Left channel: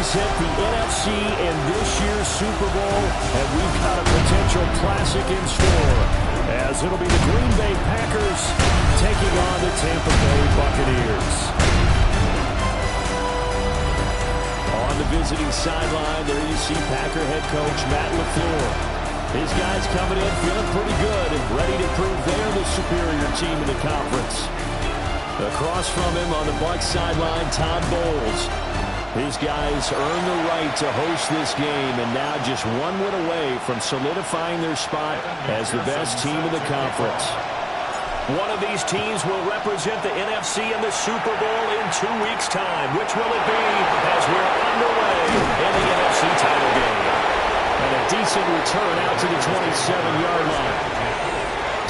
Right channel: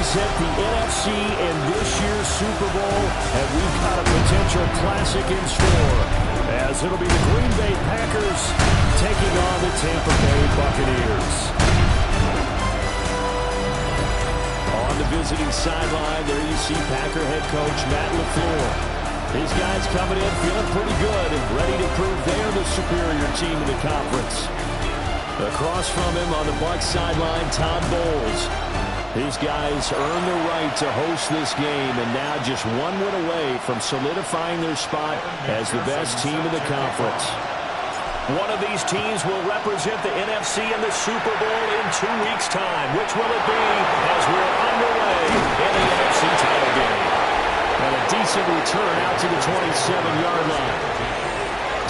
represent the NFC in this year's Super Bowl, and we've got a potential classic in store, as it'll be the Green Bay Packers taking on the Tampa Bay Buccaneers. On the visiting sideline, there you see Packer head coach Matt LaFleur. His guys coming in feeling pretty good and ready to prove they're the superior team in the conference. Across from him on the Bucs sideline, Todd Bowles. His guys earned the right to host this game, and now just one win away from solidifying their spot as the best team in the conference. One of these teams will represent the NFC in the Super Bowl in 2 weeks' time. Which will it be as we're underway in the NFC title game? And a decent return out to the 27-yard line.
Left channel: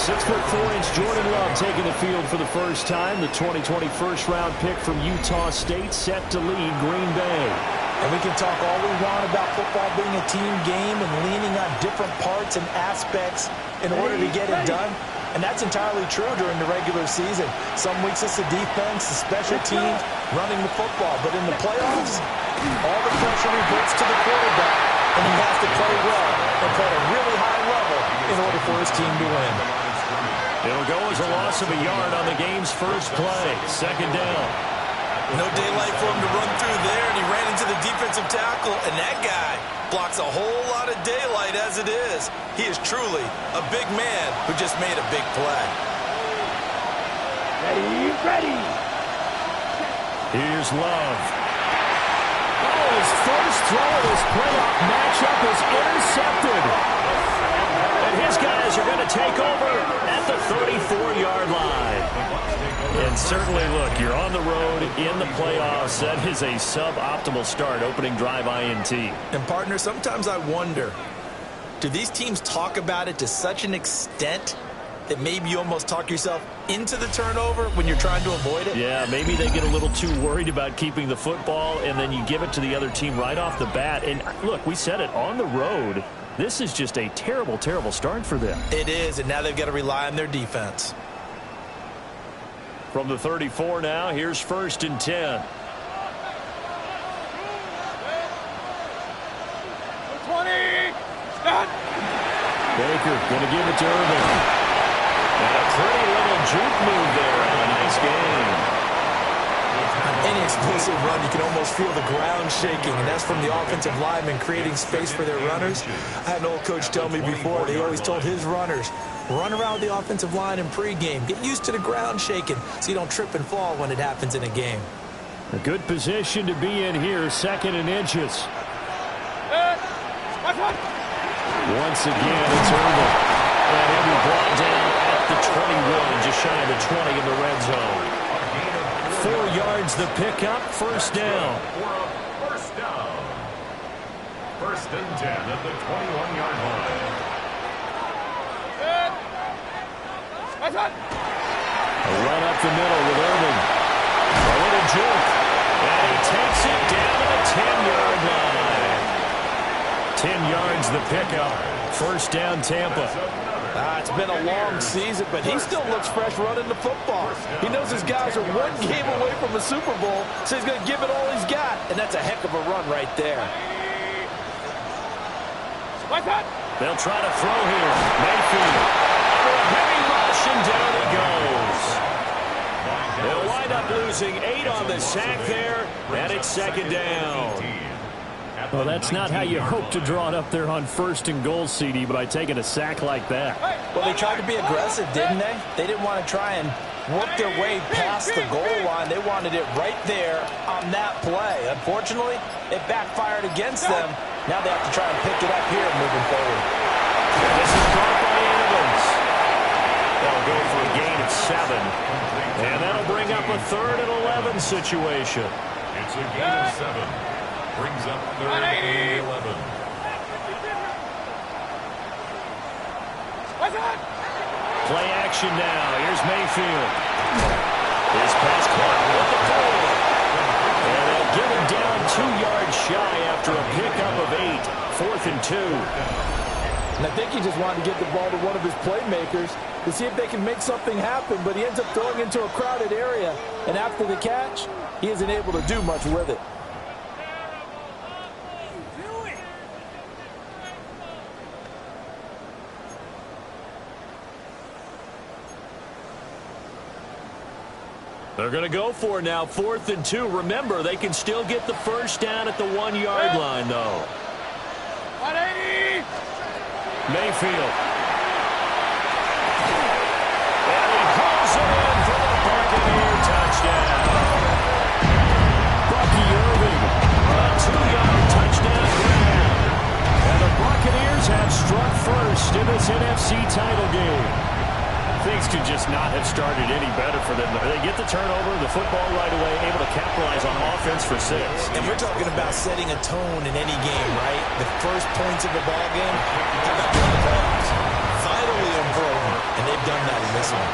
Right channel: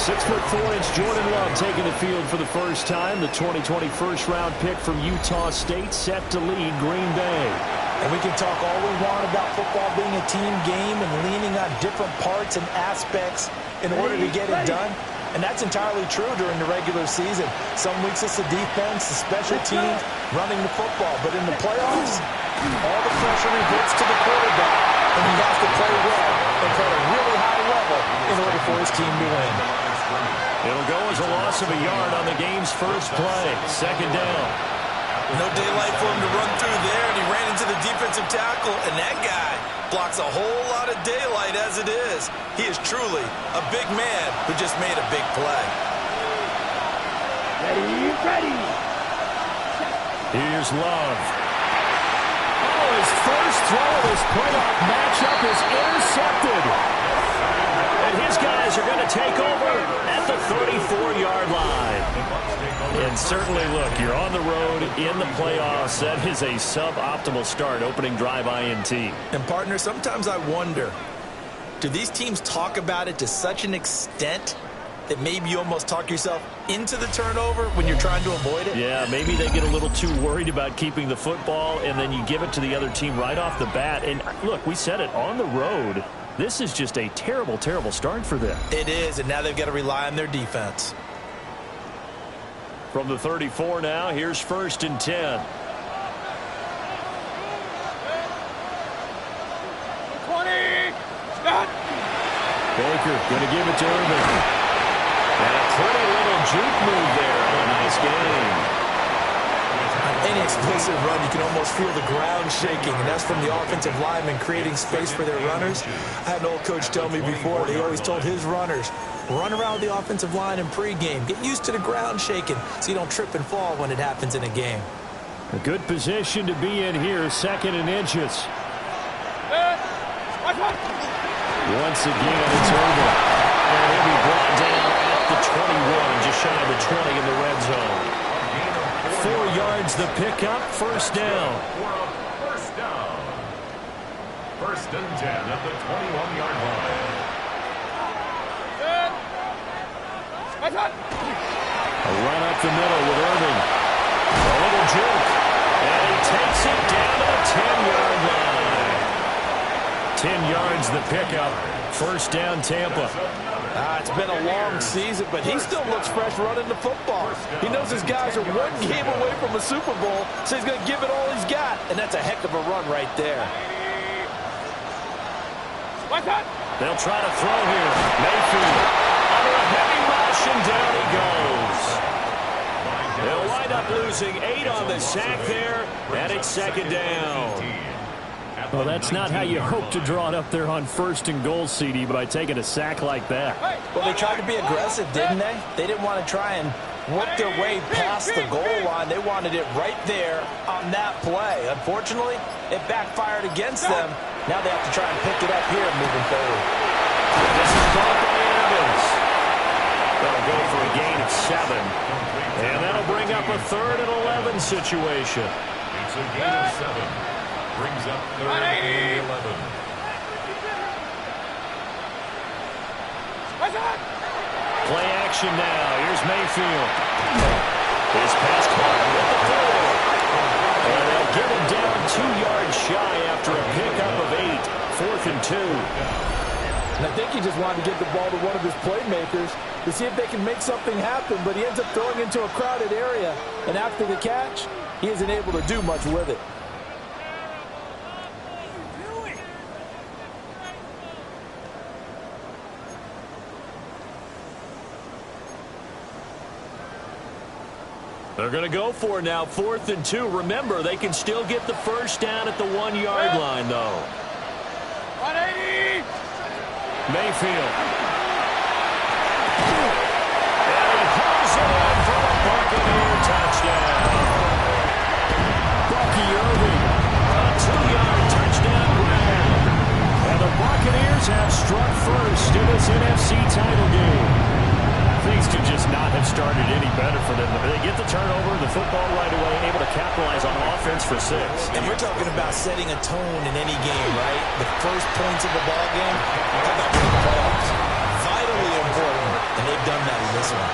6'4" Jordan Love taking the field for the first time. The 2020 first-round pick from Utah State set to lead Green Bay. And we can talk all we want about football being a team game and leaning on different parts and aspects in order to get it done. And that's entirely true during the regular season. Some weeks it's the defense, the special teams, running the football. But in the playoffs, all the pressure reverts to the quarterback. And he has to play well and play at a really high level in order for his team to win. It'll go as a loss of a yard on the game's first play. Second down. No daylight for him to run through there, and he ran into the defensive tackle, and that guy blocks a whole lot of daylight as it is. He is truly a big man who just made a big play. Ready. Here's Love. Oh, his first throw of this playoff matchup is intercepted. And his guys are going to take over at the 34-yard line. And certainly, look, you're on the road in the playoffs. That is a suboptimal start, opening drive INT. And, partner, sometimes I wonder, do these teams talk about it to such an extent that maybe you almost talk yourself into the turnover when you're trying to avoid it? Yeah, maybe they get a little too worried about keeping the football, and then you give it to the other team right off the bat. And, look, we said it, on the road, this is just a terrible, terrible start for them. It is, and now they've got to rely on their defense. From the 34 now, here's 1st and 10. 20. Start. Baker going to give it to Irvin. And a pretty little juke move there on a nice game. On any explosive run, you can almost feel the ground shaking, and that's from the offensive linemen creating space for their runners. I had an old coach tell me before, he always told his runners, run around the offensive line in pregame. Get used to the ground shaking so you don't trip and fall when it happens in a game. A good position to be in here, 2nd and inches. Once again, it's Irvin. And he'll be brought down at the 21, just shy of the 20 in the red zone. 4 yards the pickup, 1st down. First down. 1st and 10 at the 21-yard line. A run up the middle with Irving. A little juke. And he takes it down to the 10-yard line. 10 yards the pickup. 1st down Tampa. It's been a long season, but he still looks fresh running the football. He knows his guys are one game away from a Super Bowl, so he's going to give it all he's got, and that's a heck of a run right there. They'll try to throw here. Mayfield under a heavy rush, and down he goes. They'll wind up losing 8 on the sack there, and it's 2nd down. Well, that's not how you hope to draw it up there on 1st and goal, CD, by taking a sack like that. Well, they tried to be aggressive, didn't they? They didn't want to try and work their way past the goal line. They wanted it right there on that play. Unfortunately, it backfired against them. Now they have to try and pick it up here moving forward. This is caught by Evans. That'll go for a gain of 7. And that'll bring up a 3rd and 11 situation. It's a gain of 7. Brings up 3rd and 11. Play action now. Here's Mayfield. His pass caught at the 4. And they'll get him down 2 yards shy after a pickup of 8. 4th and 2. And I think he just wanted to get the ball to one of his playmakers to see if they can make something happen, but he ends up throwing into a crowded area. And after the catch, he isn't able to do much with it. They're going to go for it now, 4th and 2. Remember, they can still get the first down at the 1-yard line, though. 180. Mayfield. And he hauls it in for the Buccaneer touchdown. Bucky Irving, a 2-yard touchdown grab. And the Buccaneers have struck first in this NFC title game. Things could just not have started any better for them. They get the turnover, the football right away, able to capitalize on offense for 6. And we're talking about setting a tone in any game, right? The first points of a ball game, how about during the playoffs? Vitally important, and they've done that in this one.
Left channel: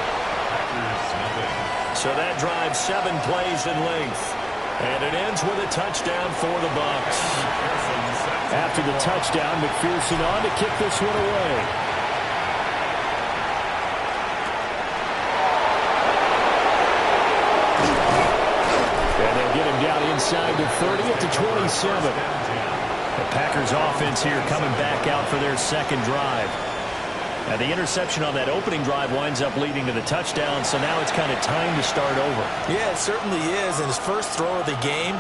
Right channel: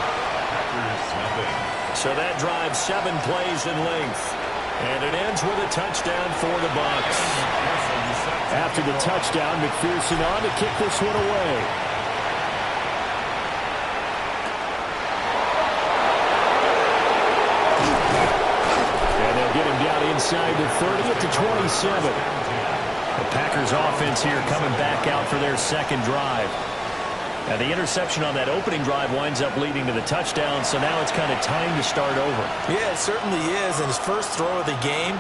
So that drives 7 plays in length. And it ends with a touchdown for the Bucs. After the touchdown, McPherson on to kick this one away. And they'll get him down inside the 30 at the 27. The Packers offense here coming back out for their second drive. Now, the interception on that opening drive winds up leading to the touchdown, so now it's kind of time to start over. Yeah, it certainly is, and his first throw of the game.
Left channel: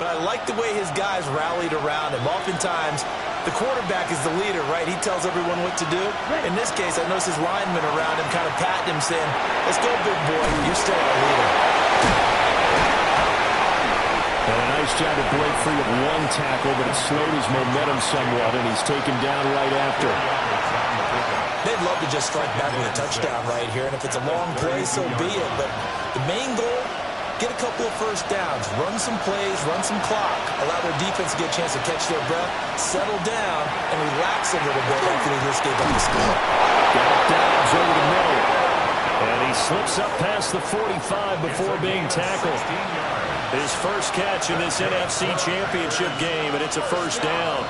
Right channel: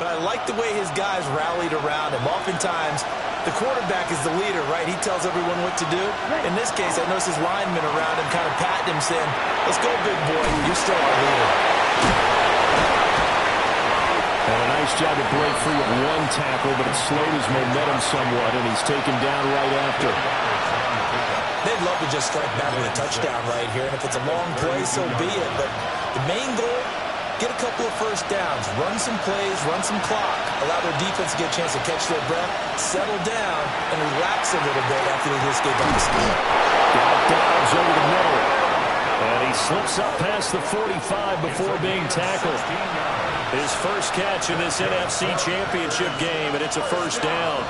But I like the way his guys rallied around him. Oftentimes, the quarterback is the leader, right? He tells everyone what to do. In this case, I noticed his linemen around him kind of patting him, saying, let's go, big boy. You're still our leader. And a nice job to break free of one tackle, but it slowed his momentum somewhat, and he's taken down right after. They'd love to just strike back with a touchdown right here, and if it's a long play, so be it. But the main goal, get a couple of first downs, run some plays, run some clock, allow their defense to get a chance to catch their breath, settle down, and relax a little bit after they just gave up the score. Got Dobbs over the middle, and he slips up past the 45 before being tackled. His first catch in this NFC Championship game, and it's a first down.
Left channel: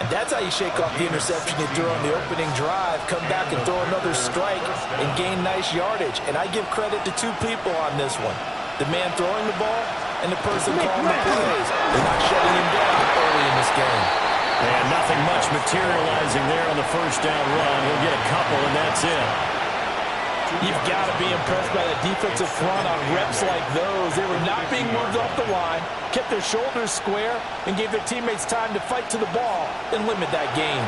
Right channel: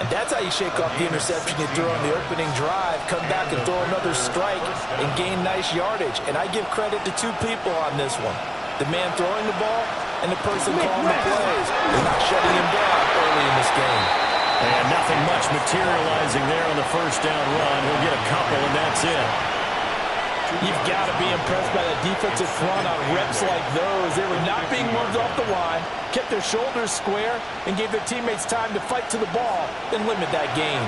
And that's how you shake off the interception you threw on the opening drive, come back and throw another strike and gain nice yardage. And I give credit to 2 people on this one. The man throwing the ball and the person calling the plays. They're not shutting him down early in this game. And nothing much materializing there on the first down run. He'll get a couple, and that's it. You've got to be impressed by the defensive front on reps like those. They were not being moved off the line, kept their shoulders square, and gave their teammates time to fight to the ball and limit that gain.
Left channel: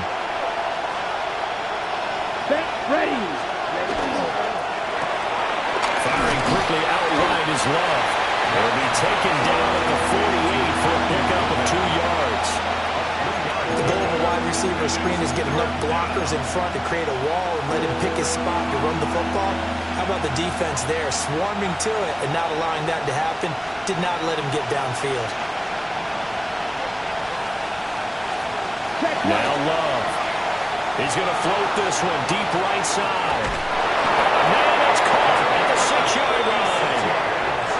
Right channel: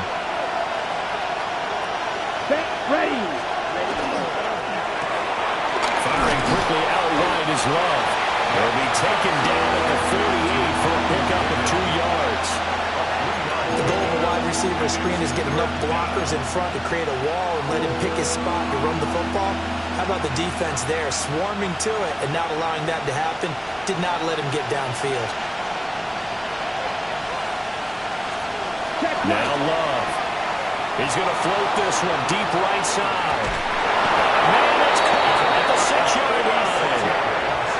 Ready. Firing quickly out wide is Love. He'll be taken down at the 48 for a pickup of 2 yards. The goal of a wide receiver screen is get enough blockers in front to create a wall and let him pick his spot to run the football. How about the defense there, swarming to it and not allowing that to happen? Did not let him get downfield. Now Love. He's going to float this one deep right side. Man, it's caught at the 6-yard line.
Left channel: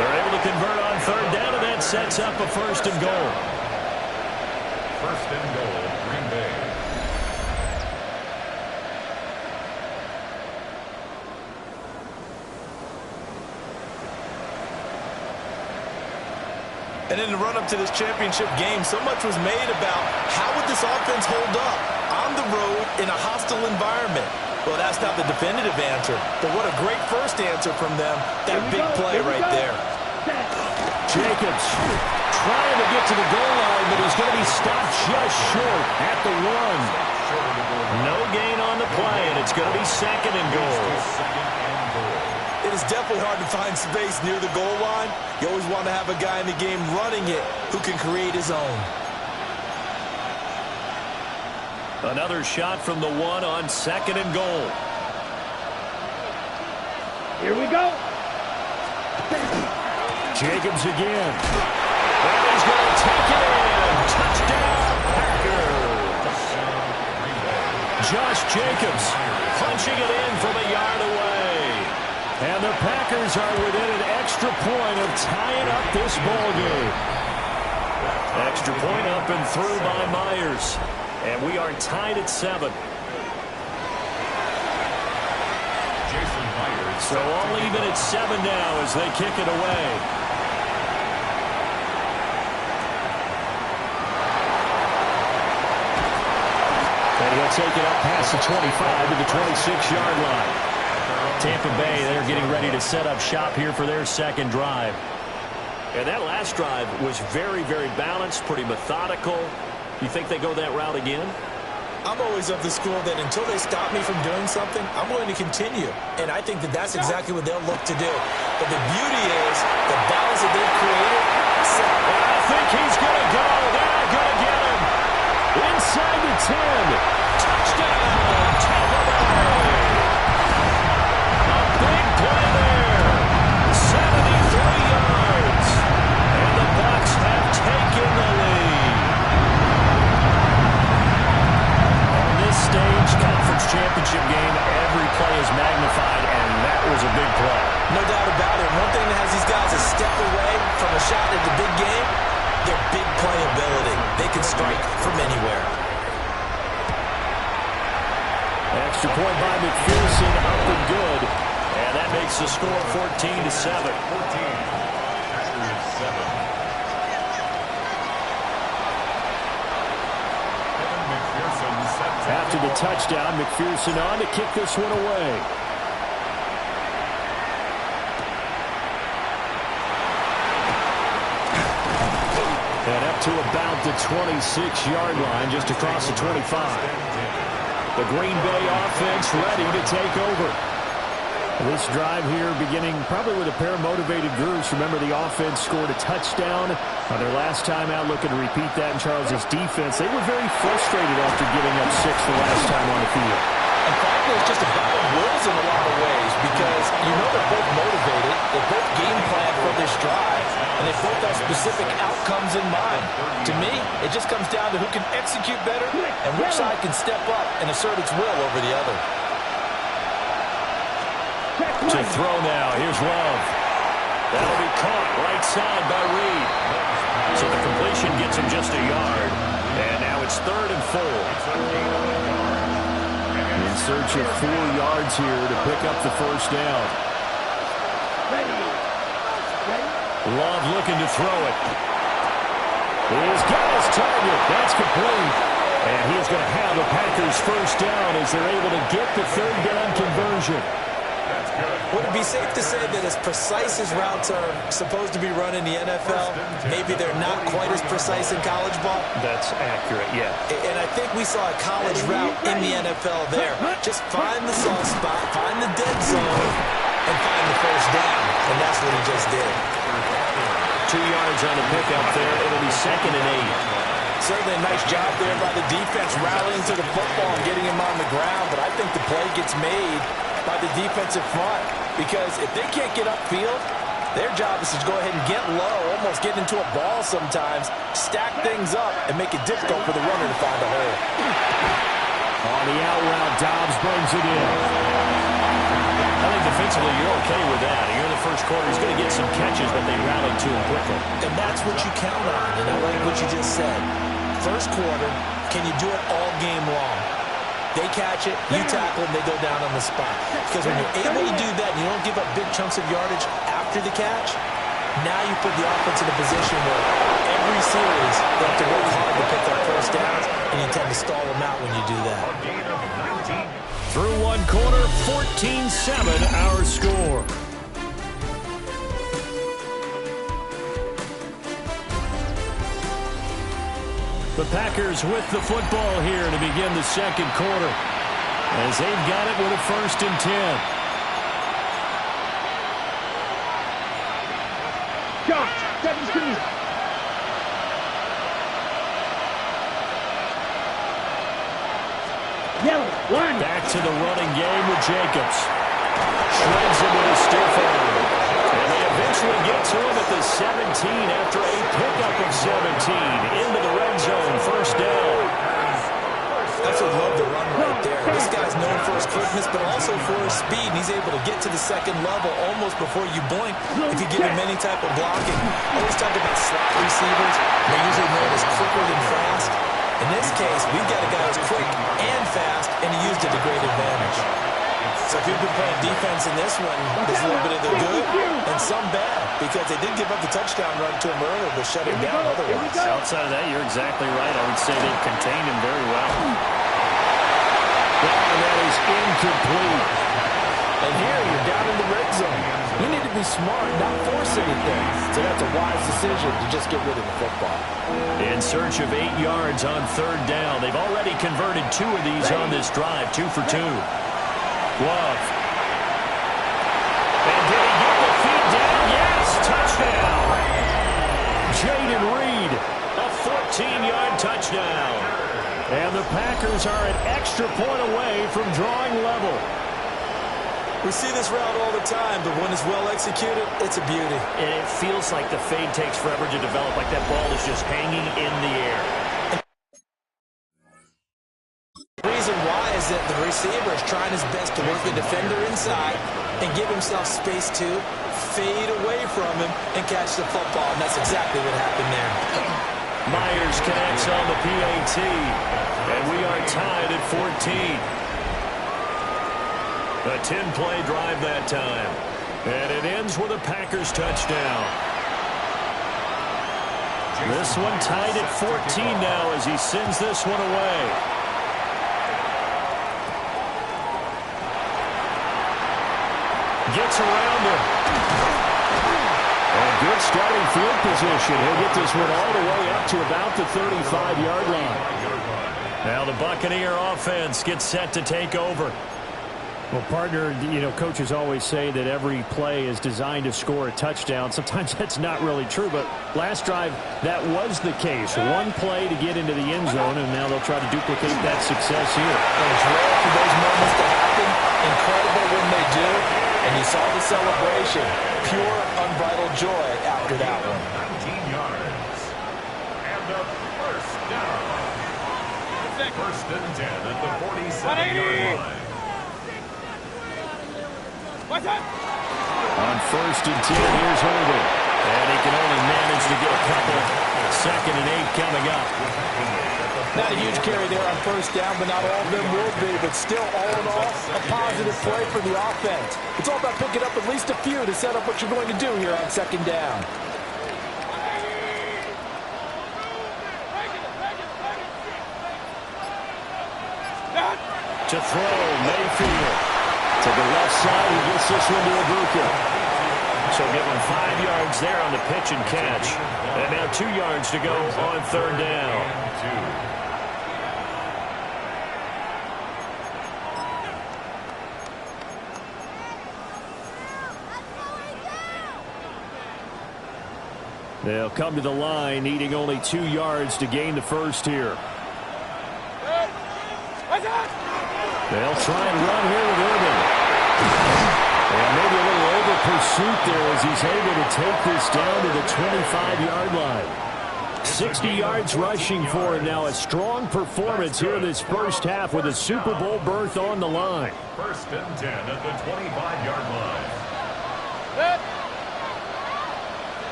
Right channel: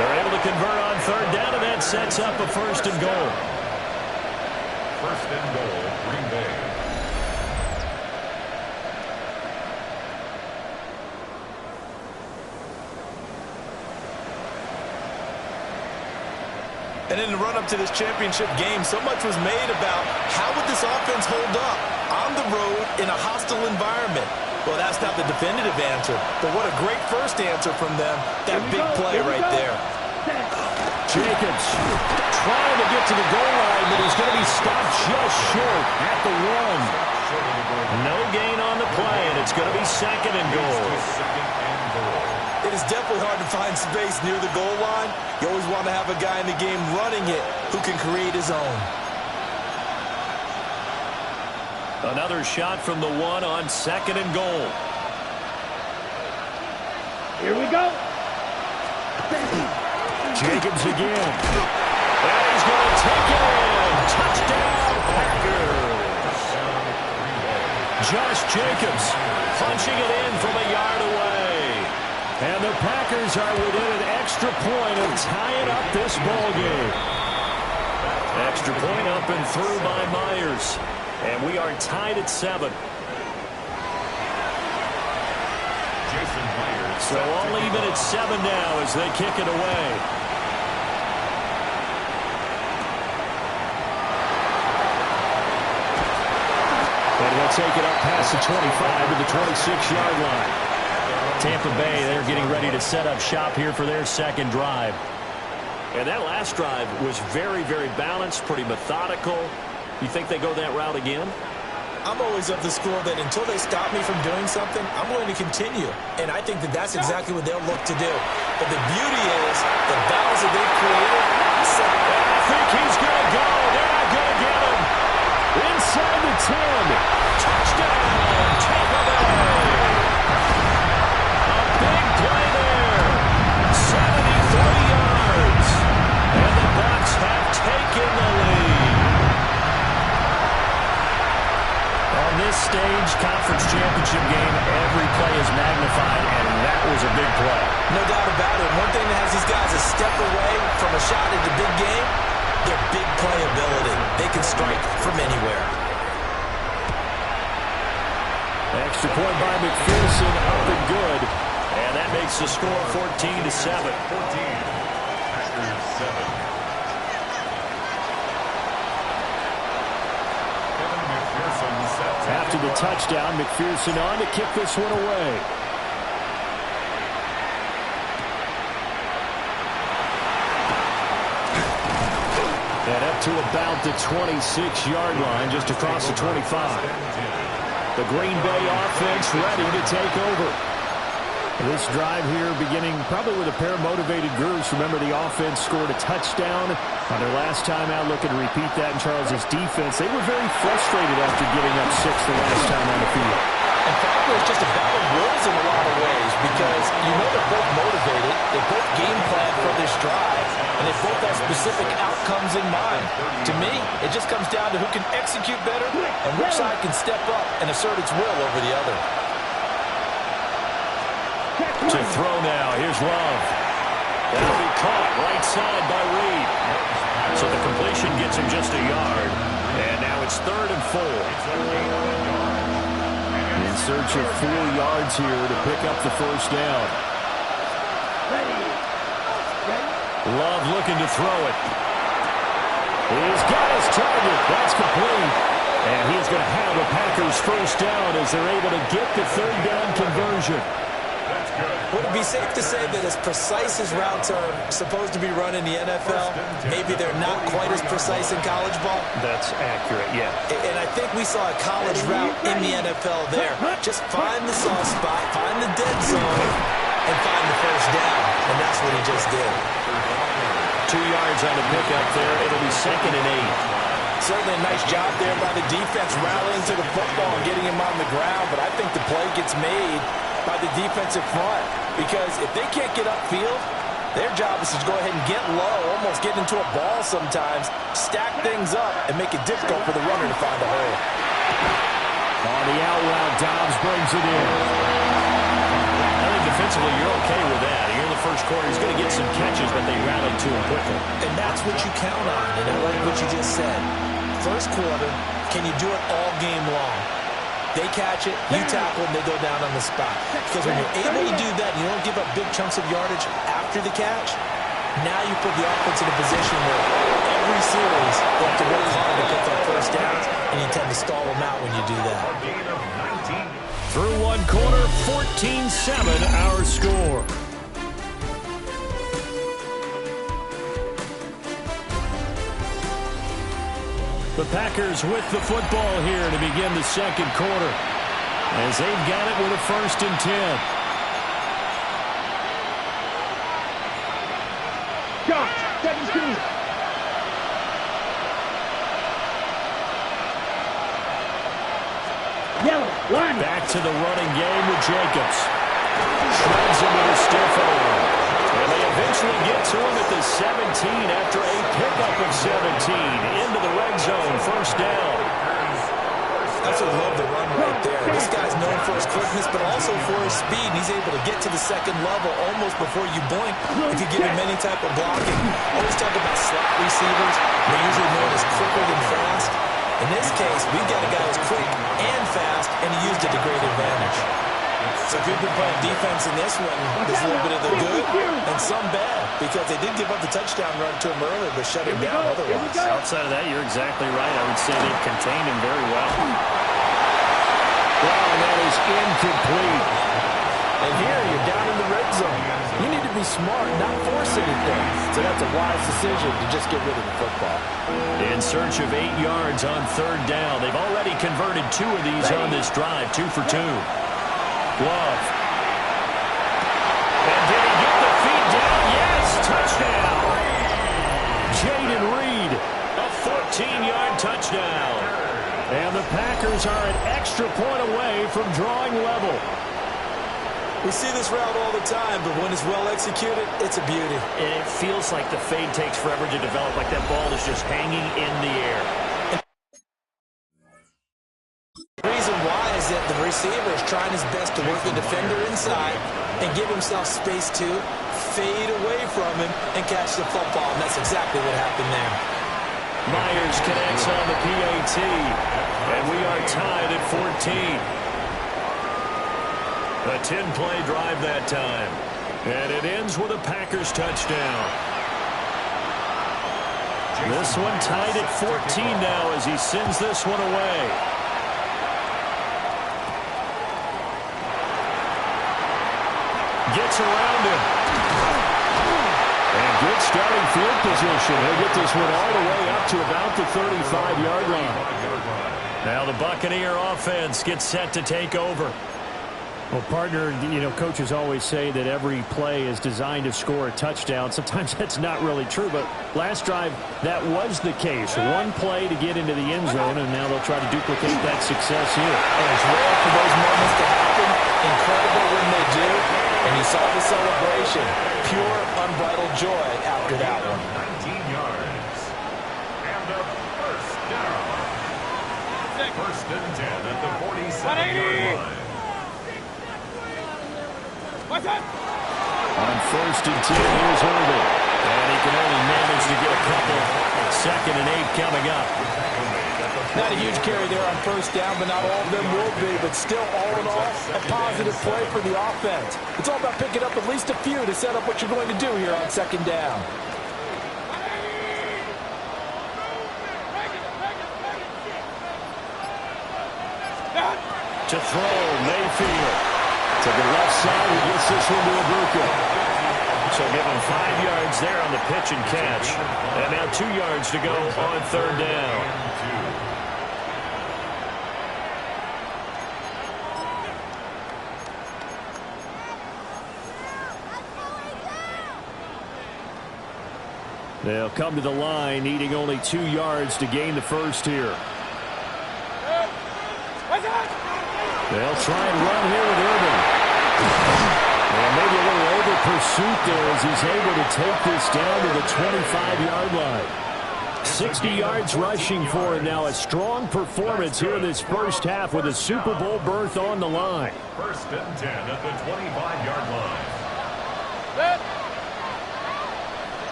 They're able to convert on 3rd down, and that sets up a 1st and goal. 1st and goal, Green Bay. And in the run-up to this championship game, so much was made about how would this offense hold up on the road in a hostile environment. Well, that's not the definitive answer, but what a great first answer from them. That big play right there. Jacobs trying to get to the goal line, but he's going to be stopped just short at the 1. No gain on the play, and it's going to be 2nd and goal. It is definitely hard to find space near the goal line. You always want to have a guy in the game running it who can create his own. Another shot from the 1 on 2nd and goal. Here we go. Jacobs again. And he's going to take it in. Touchdown, Packers. Josh Jacobs punching it in from a yard away. And the Packers are within an extra point of tying up this ball game. Extra point up and through by Myers. And we are tied at 7. Jason Myers. So all even at 7 now as they kick it away. And he'll take it up past the 25 to the 26-yard line. Tampa Bay, they're getting ready to set up shop here for their second drive. And that last drive was very, very balanced, pretty methodical. You think they go that route again? I'm always of the school that until they stop me from doing something, I'm going to continue. And I think that that's exactly what they'll look to do. But the beauty is the balance that they've created. I think he's going to go. They're not going to get him. Inside the 10. Touchdown, Tampa Bay. A big play there. 73 yards. And the Bucs have taken the lead. On this stage, conference championship game, every play is magnified, and that was a big play. No doubt about it. One thing that has these guys a step away from a shot at the big game, their big play ability. They can strike from anywhere. Extra point by McPherson, up and good. And that makes the score 14-7. 14. Packers 7. After the touchdown, McPherson on to kick this one away. And up to about the 26-yard line, just across the 25. The Green Bay offense ready to take over. This drive here beginning probably with a pair of motivated groups. Remember, the offense scored a touchdown on their last time out. Looking to repeat that in Charles's defense. They were very frustrated after giving up 6 the last time on the field. And frankly, it's just a battle of wills in a lot of ways because you know they're both motivated. They both game plan for this drive, and they both have specific outcomes in mind. To me, it just comes down to who can execute better and which side can step up and assert its will over the other. To throw now. Here's Love. That'll be caught right side by Reed. So the completion gets him just a yard. And now it's 3rd and 4. In search of 4 yards here to pick up the first down. Love looking to throw it. He's got his target. That's complete. And he is going to have the Packers first down as they're able to get the 3rd down conversion. Would it be safe to say that as precise as routes are supposed to be run in the NFL, maybe they're not quite as precise in college ball? That's accurate, yeah. And I think we saw a college route in the NFL there. Just find the soft spot, find the dead zone, and find the first down. And that's what he just did. 2 yards on the pickup there. It'll be 2nd and 8. Certainly a nice job there by the defense rallying to the football and getting him on the ground. But I think the play gets made by the defensive front, because if they can't get upfield, their job is to go ahead and get low, almost get into a ball sometimes, stack things up, and make it difficult for the runner to find a hole. On the out route, Dobbs brings it in. I think defensively you're okay with that. Here in the first quarter, he's going to get some catches, but they rallied to him quickly. And that's what you count on, and I like what you just said. First quarter, can you do it all game long? They catch it, you tackle, and they go down on the spot. Because when you're able to do that and you don't give up big chunks of yardage after the catch, now you put the offense in a position where every series they have to work hard to pick their first downs, and you tend to stall them out when you do that. Through one quarter, 14-7 our score. The Packers with the football here to begin the second quarter, as they've got it with a 1st and 10. Josh, 17. Yellow, line. Back to the running game with Jacobs. Shreds him with a stiff arm. And they eventually get to him at the 17 after a pickup of 17 into the red zone. First down. That's what I love the run right there. This guy's known for his quickness, but also for his speed. And he's able to get to the second level almost before you blink if you give him any type of blocking. Always talk about slot receivers. They're usually known as quicker than fast. In this case, we've got a guy who's quick and fast, and he used it to great advantage. So if you've been playing defense in this one, there's a little bit of the good and some bad, because they did give up the touchdown run to him earlier, but shut him down otherwise. Outside of that, you're exactly right. I would say they've contained him very well. Well, and that is incomplete. And here you're down in the red zone. You need to be smart, not force anything. So that's a wise decision to just get rid of the football. In search of 8 yards on 3rd down. They've already converted 2 of these on this drive, 2 for 2. Love. And did he get the feet down? Yes, touchdown. Jaden Reed, a 14-yard touchdown. And the Packers are an extra point away from drawing level. We see this route all the time, but when it's well executed, it's a beauty. And it feels like the fade takes forever to develop, like that ball is just hanging in the air. The reason why is that the receiver is trying his best to work the defender inside and give himself space to fade away from him and catch the football, and that's exactly what happened there. Myers connects on the PAT, and we are tied at 14. A 10-play drive that time. And it ends with a Packers touchdown. This one tied at 14 now as he sends this one away. Gets around him. And good starting field position. He'll get this one all the way up to about the 35-yard line. Now the Buccaneer offense gets set to take over. Well, partner, coaches always say that every play is designed to score a touchdown. Sometimes that's not really true, but last drive, that was the case. One play to get into the end zone, and now they'll try to duplicate that success here. And it's rare for those moments to happen. Incredible when they do. And you saw the celebration. Pure, unbridled joy after that one. 19 yards. And a first down. 1st and 10 at the 47-yard line. On 1st and 10, here's Irvin. And he can only manage to get a couple. 2nd and 8 coming up. Not a huge carry there on 1st down, but not all of them will be. But still, all in all, a positive play for the offense. It's all about picking up at least a few to set up what you're going to do here on 2nd down. To throw, Mayfield. To the left side, he gets this one to Ibuka. So give him 5 yards there on the pitch and catch. And now 2 yards to go on 3rd down. They'll come to the line, needing only 2 yards to gain the first here. They'll try and run here with Irvin. And maybe a little over pursuit there as he's able to take this down to the 25-yard line. 60 yards rushing for him now. A strong performance here in this first half with a Super Bowl berth on the line. 1st and 10 at the 25-yard line.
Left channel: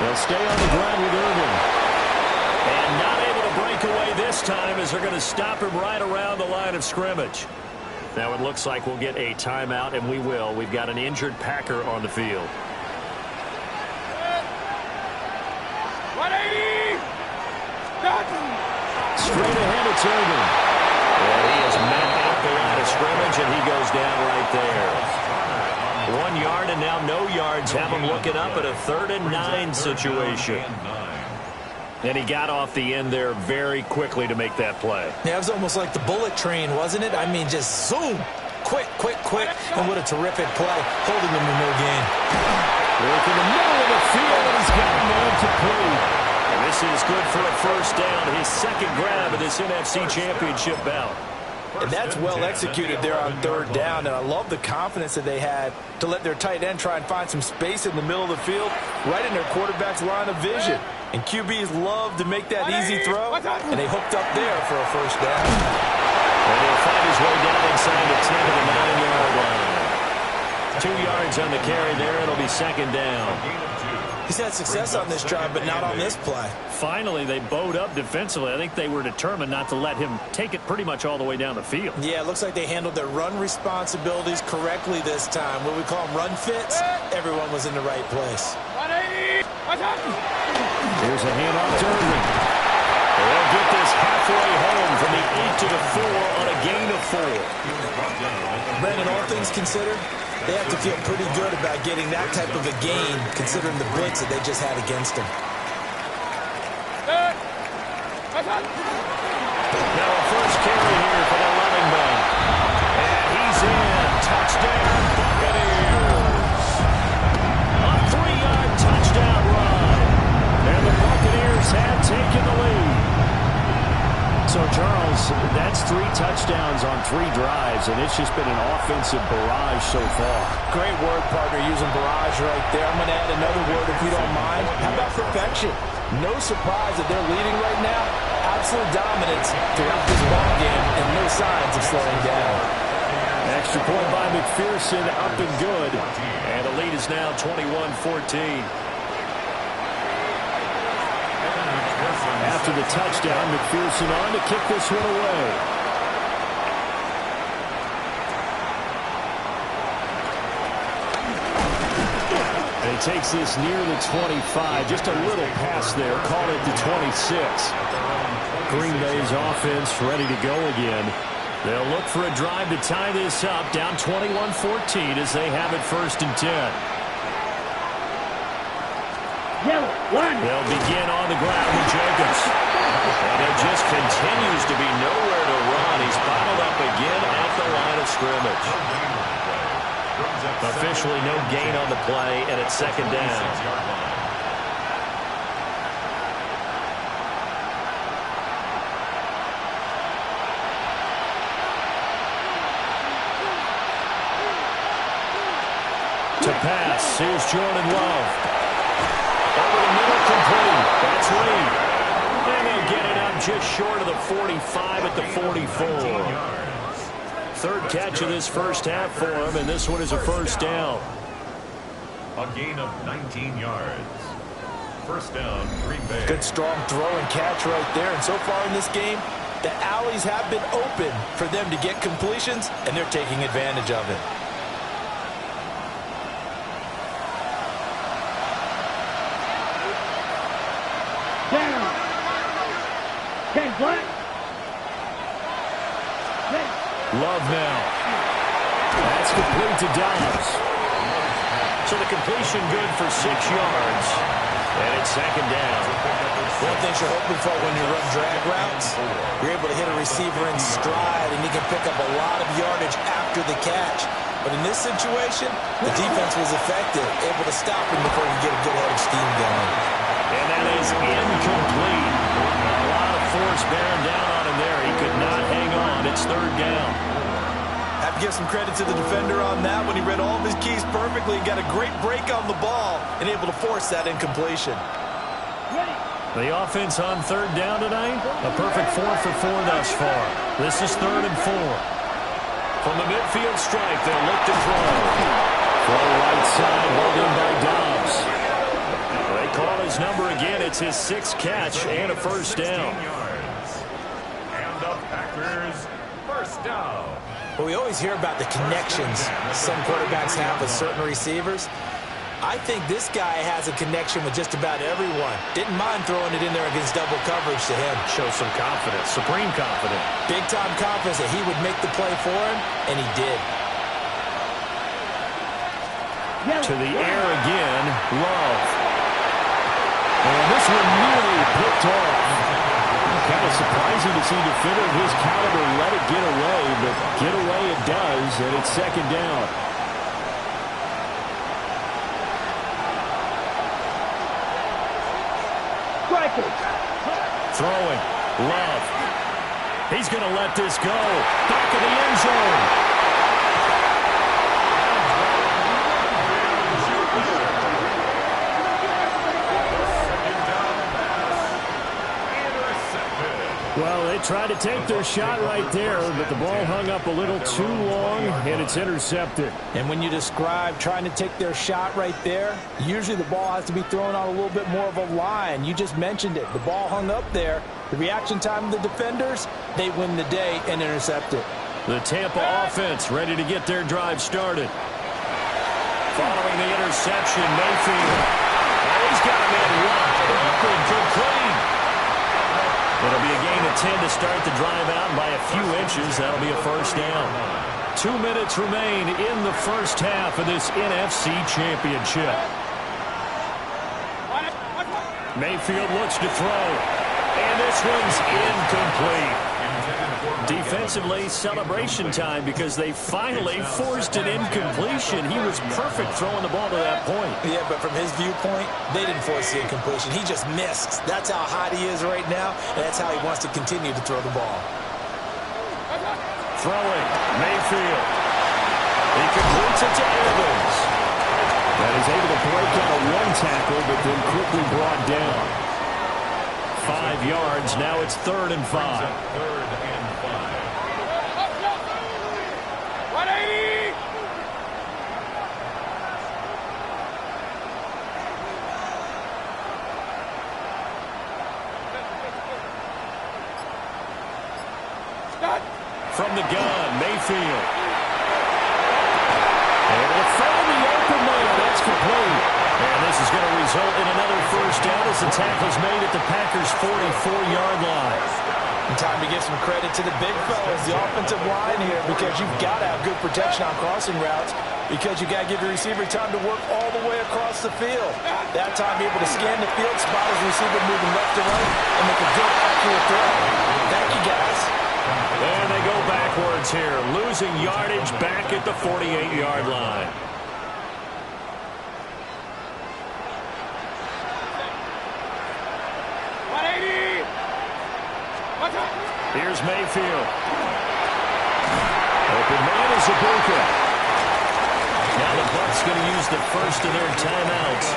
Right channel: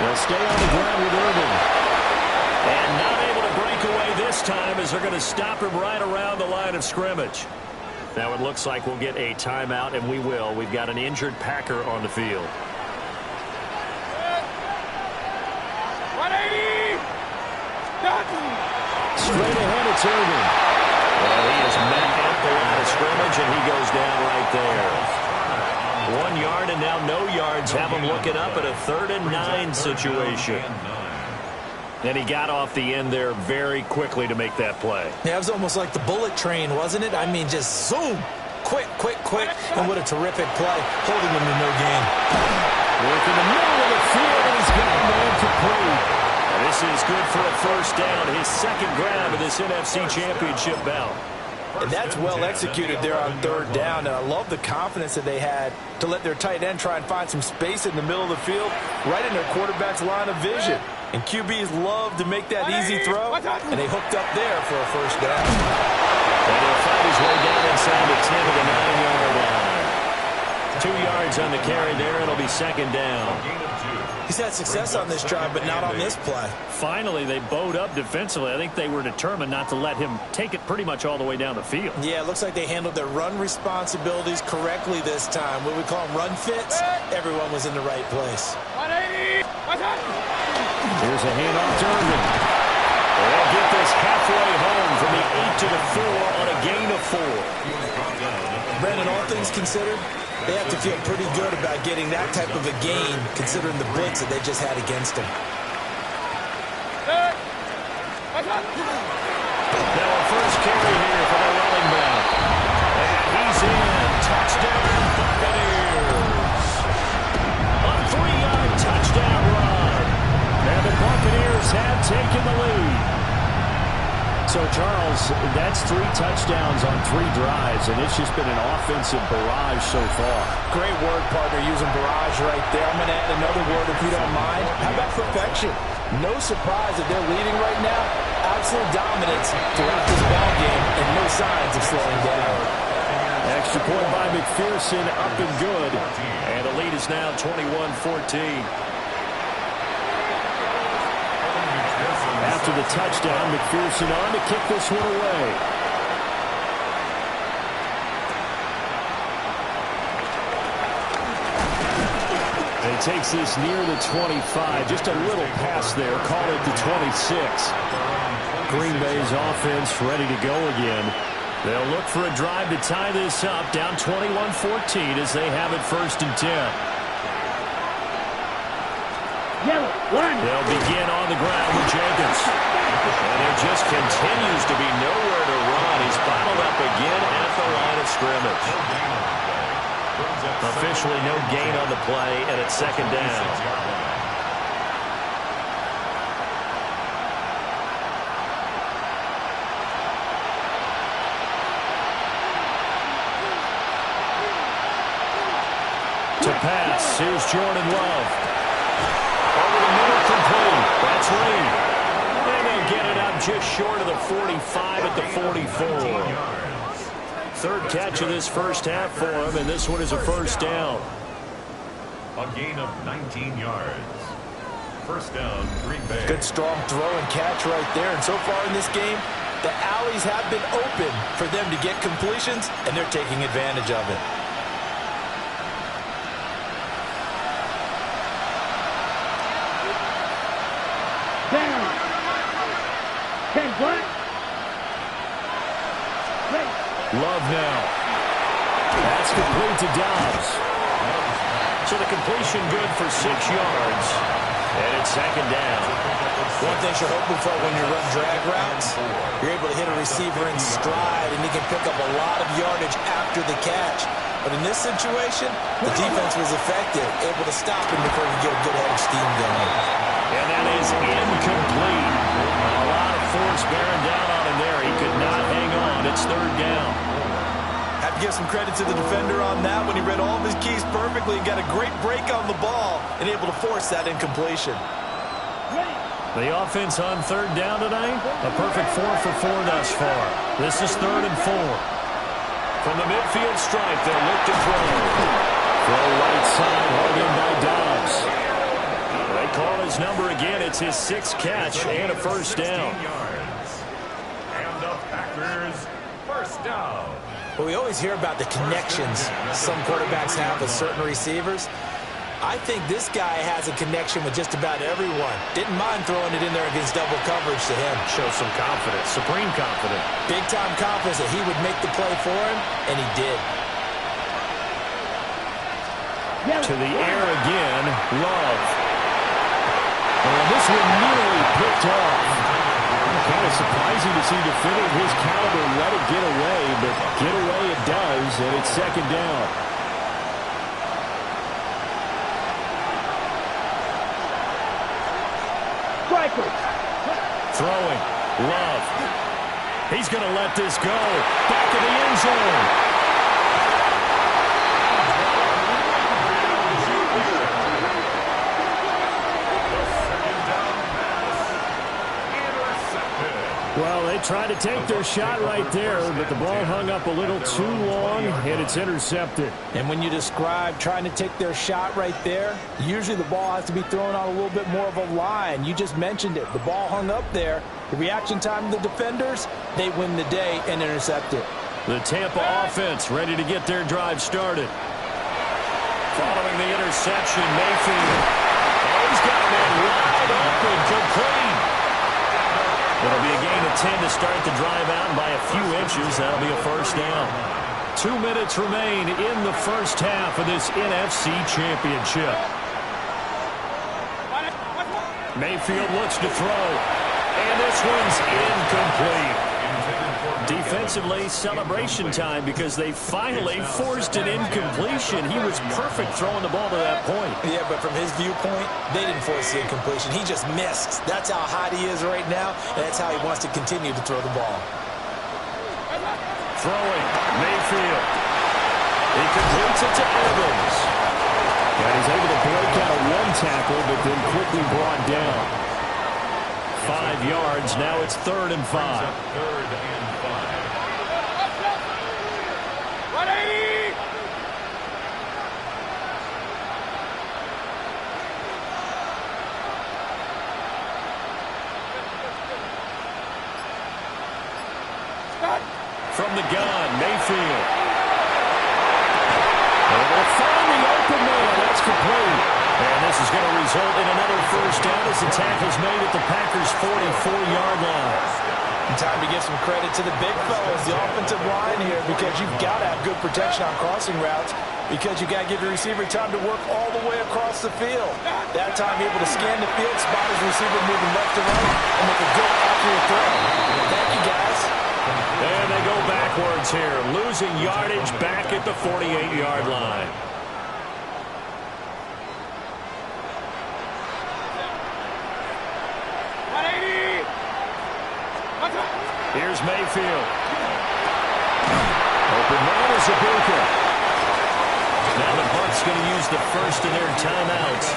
They'll stay on the ground with Irvin. And not able to break away this time as they're going to stop him right around the line of scrimmage. Now it looks like we'll get a timeout, and we will. We've got an injured Packer on the field. 180! Straight ahead, it's Irvin. And he is met at the line of scrimmage, and he goes down right there. 1 yard, and now no yards. Have him looking up at a 3rd and 9 situation. And he got off the end there very quickly to make that play. Yeah, it was almost like the bullet train, wasn't it? I mean, just zoom. Quick, quick, quick. And what a terrific play, holding him to no gain. Work in the middle of the field, and he's got a man complete. And this is good for a 1st down, his 2nd grab of this NFC Championship bout. And that's well executed there on 3rd down. And I love the confidence that they had to let their tight end try and find some space in the middle of the field, right in their quarterback's line of vision. And QBs love to make that easy throw, and they hooked up there for a 1st down. And he'll find his way down inside the 10 to the 9-yard line. 2 yards on the carry there. It'll be 2nd down. He's had success on this drive, but not on this play. Finally, they bowed up defensively. I think they were determined not to let him take it pretty much all the way down the field. Yeah, it looks like they handled their run responsibilities correctly this time. What we call them run fits, everyone was in the right place. 180! Here's a handoff to Irvin. They'll get this halfway home from the 8 to the 4 on a gain of 4. Brandon, all things considered, they have to feel pretty good about getting that type of a gain, considering the blitz that they just had against them. Now a first carry here for the running back. And he's in. Touchdown, Buccaneers. A 3-yard touchdown run. And the Buccaneers have taken the lead. So, Charles, that's 3 touchdowns on 3 drives, and it's just been an offensive barrage so far. Great word, partner, using barrage right there. I'm going to add another word if you don't mind. How about perfection? No surprise that they're leading right now. Absolute dominance throughout this ball game and no signs of slowing down. Extra point by McPherson, up and good. And the lead is now 21-14. After the touchdown, McPherson on to kick this one away. And he takes this near the 25. Just a little pass there. Call it the 26. Green Bay's offense ready to go again. They'll look for a drive to tie this up. Down 21-14 as they have it 1st and 10. They'll begin on the ground with Jacobs. And there just continues to be nowhere to run. He's bottled up again at the line of scrimmage. Officially no gain on the play, and it's 2nd down. To pass, here's Jordan Love. Over the middle, complete. That's Reed. And they'll get it up just short of the 45 at the 44. 3rd catch of this first half for him, and this one is a 1st down. A gain of 19 yards. 1st down, Green Bay. Good strong throw and catch right there. And so far in this game, the alleys have been open for them to get completions, and they're taking advantage of it. Down. 10 black. Love now. That's complete to Dobbs. So the completion good for 6 yards. And it's 2nd down. One thing you're hoping for when you run drag routes, you're able to hit a receiver in stride, and he can pick up a lot of yardage after the catch. But in this situation, the defense was effective, able to stop him before he could get a good head of steam going. And that is incomplete. A lot of force bearing down on him there. He could not hang on. It's 3rd down. Have to give some credit to the defender on that when he read all of his keys perfectly and got a great break on the ball and able to force that incompletion. The offense on 3rd down tonight, a perfect 4 for 4 thus far. This is 3rd and 4. From the midfield stripe, they'll look to throw. Throw right side, hauled in by Dobbs. They call his number again. It's his 6th catch and a 1st down. And the Packers, 1st down. Well, we always hear about the connections some quarterbacks have with certain receivers. I think this guy has a connection with just about everyone. Didn't mind throwing it in there against double coverage to him. Shows some confidence, supreme confidence. Big-time confidence that he would make the play for him, and he did. To the air again, Love. And this one nearly picked off. Kind of surprising to see a defender of his caliber let it get away, but get away it does, and it's 2nd down. Throwing. Love. He's going to let this go. Back in the end zone. Well, they tried to take their shot right there, but the ball hung up a little too long, and it's intercepted. And when you describe trying to take their shot right there, usually the ball has to be thrown out a little bit more of a line. You just mentioned it. The ball hung up there. The reaction time of the defenders, they win the day and intercept it. The Tampa offense ready to get their drive started. Following the interception, Mayfield. Oh, he's got a man wide open, complete. And a 10 to start the drive out by a few inches. That'll be a first down. 2 minutes remain in the first half of this NFC Championship. Mayfield looks to throw. And this one's incomplete. Defensively, celebration time because they finally forced an incompletion. He was perfect throwing the ball to that point. Yeah, but from his viewpoint, they didn't force the incompletion. He just missed. That's how hot he is right now, and that's how he wants to continue to throw the ball. Throwing, Mayfield. He completes it to Evans. And he's able to break out of one tackle, but then quickly brought down. 5 yards. Now it's 3rd and 5. 3rd and 5. 180! Start. From the gun, Mayfield. Able to find the open man. That's complete. And this is going to result in another first down as the tackle's made at the Packers' 44-yard line. Time to give some credit to the big fellas, the offensive line here, because you've got to have good protection on crossing routes because you've got to give your receiver time to work all the way across the field. That time, able to scan the field, spot his receiver moving left to right, and make a good, accurate throw. Thank you, guys. And they go backwards here, losing yardage back at the 48-yard line. Here's Mayfield. Open man is Ibuka. Now the Bucs going to use the first of their timeouts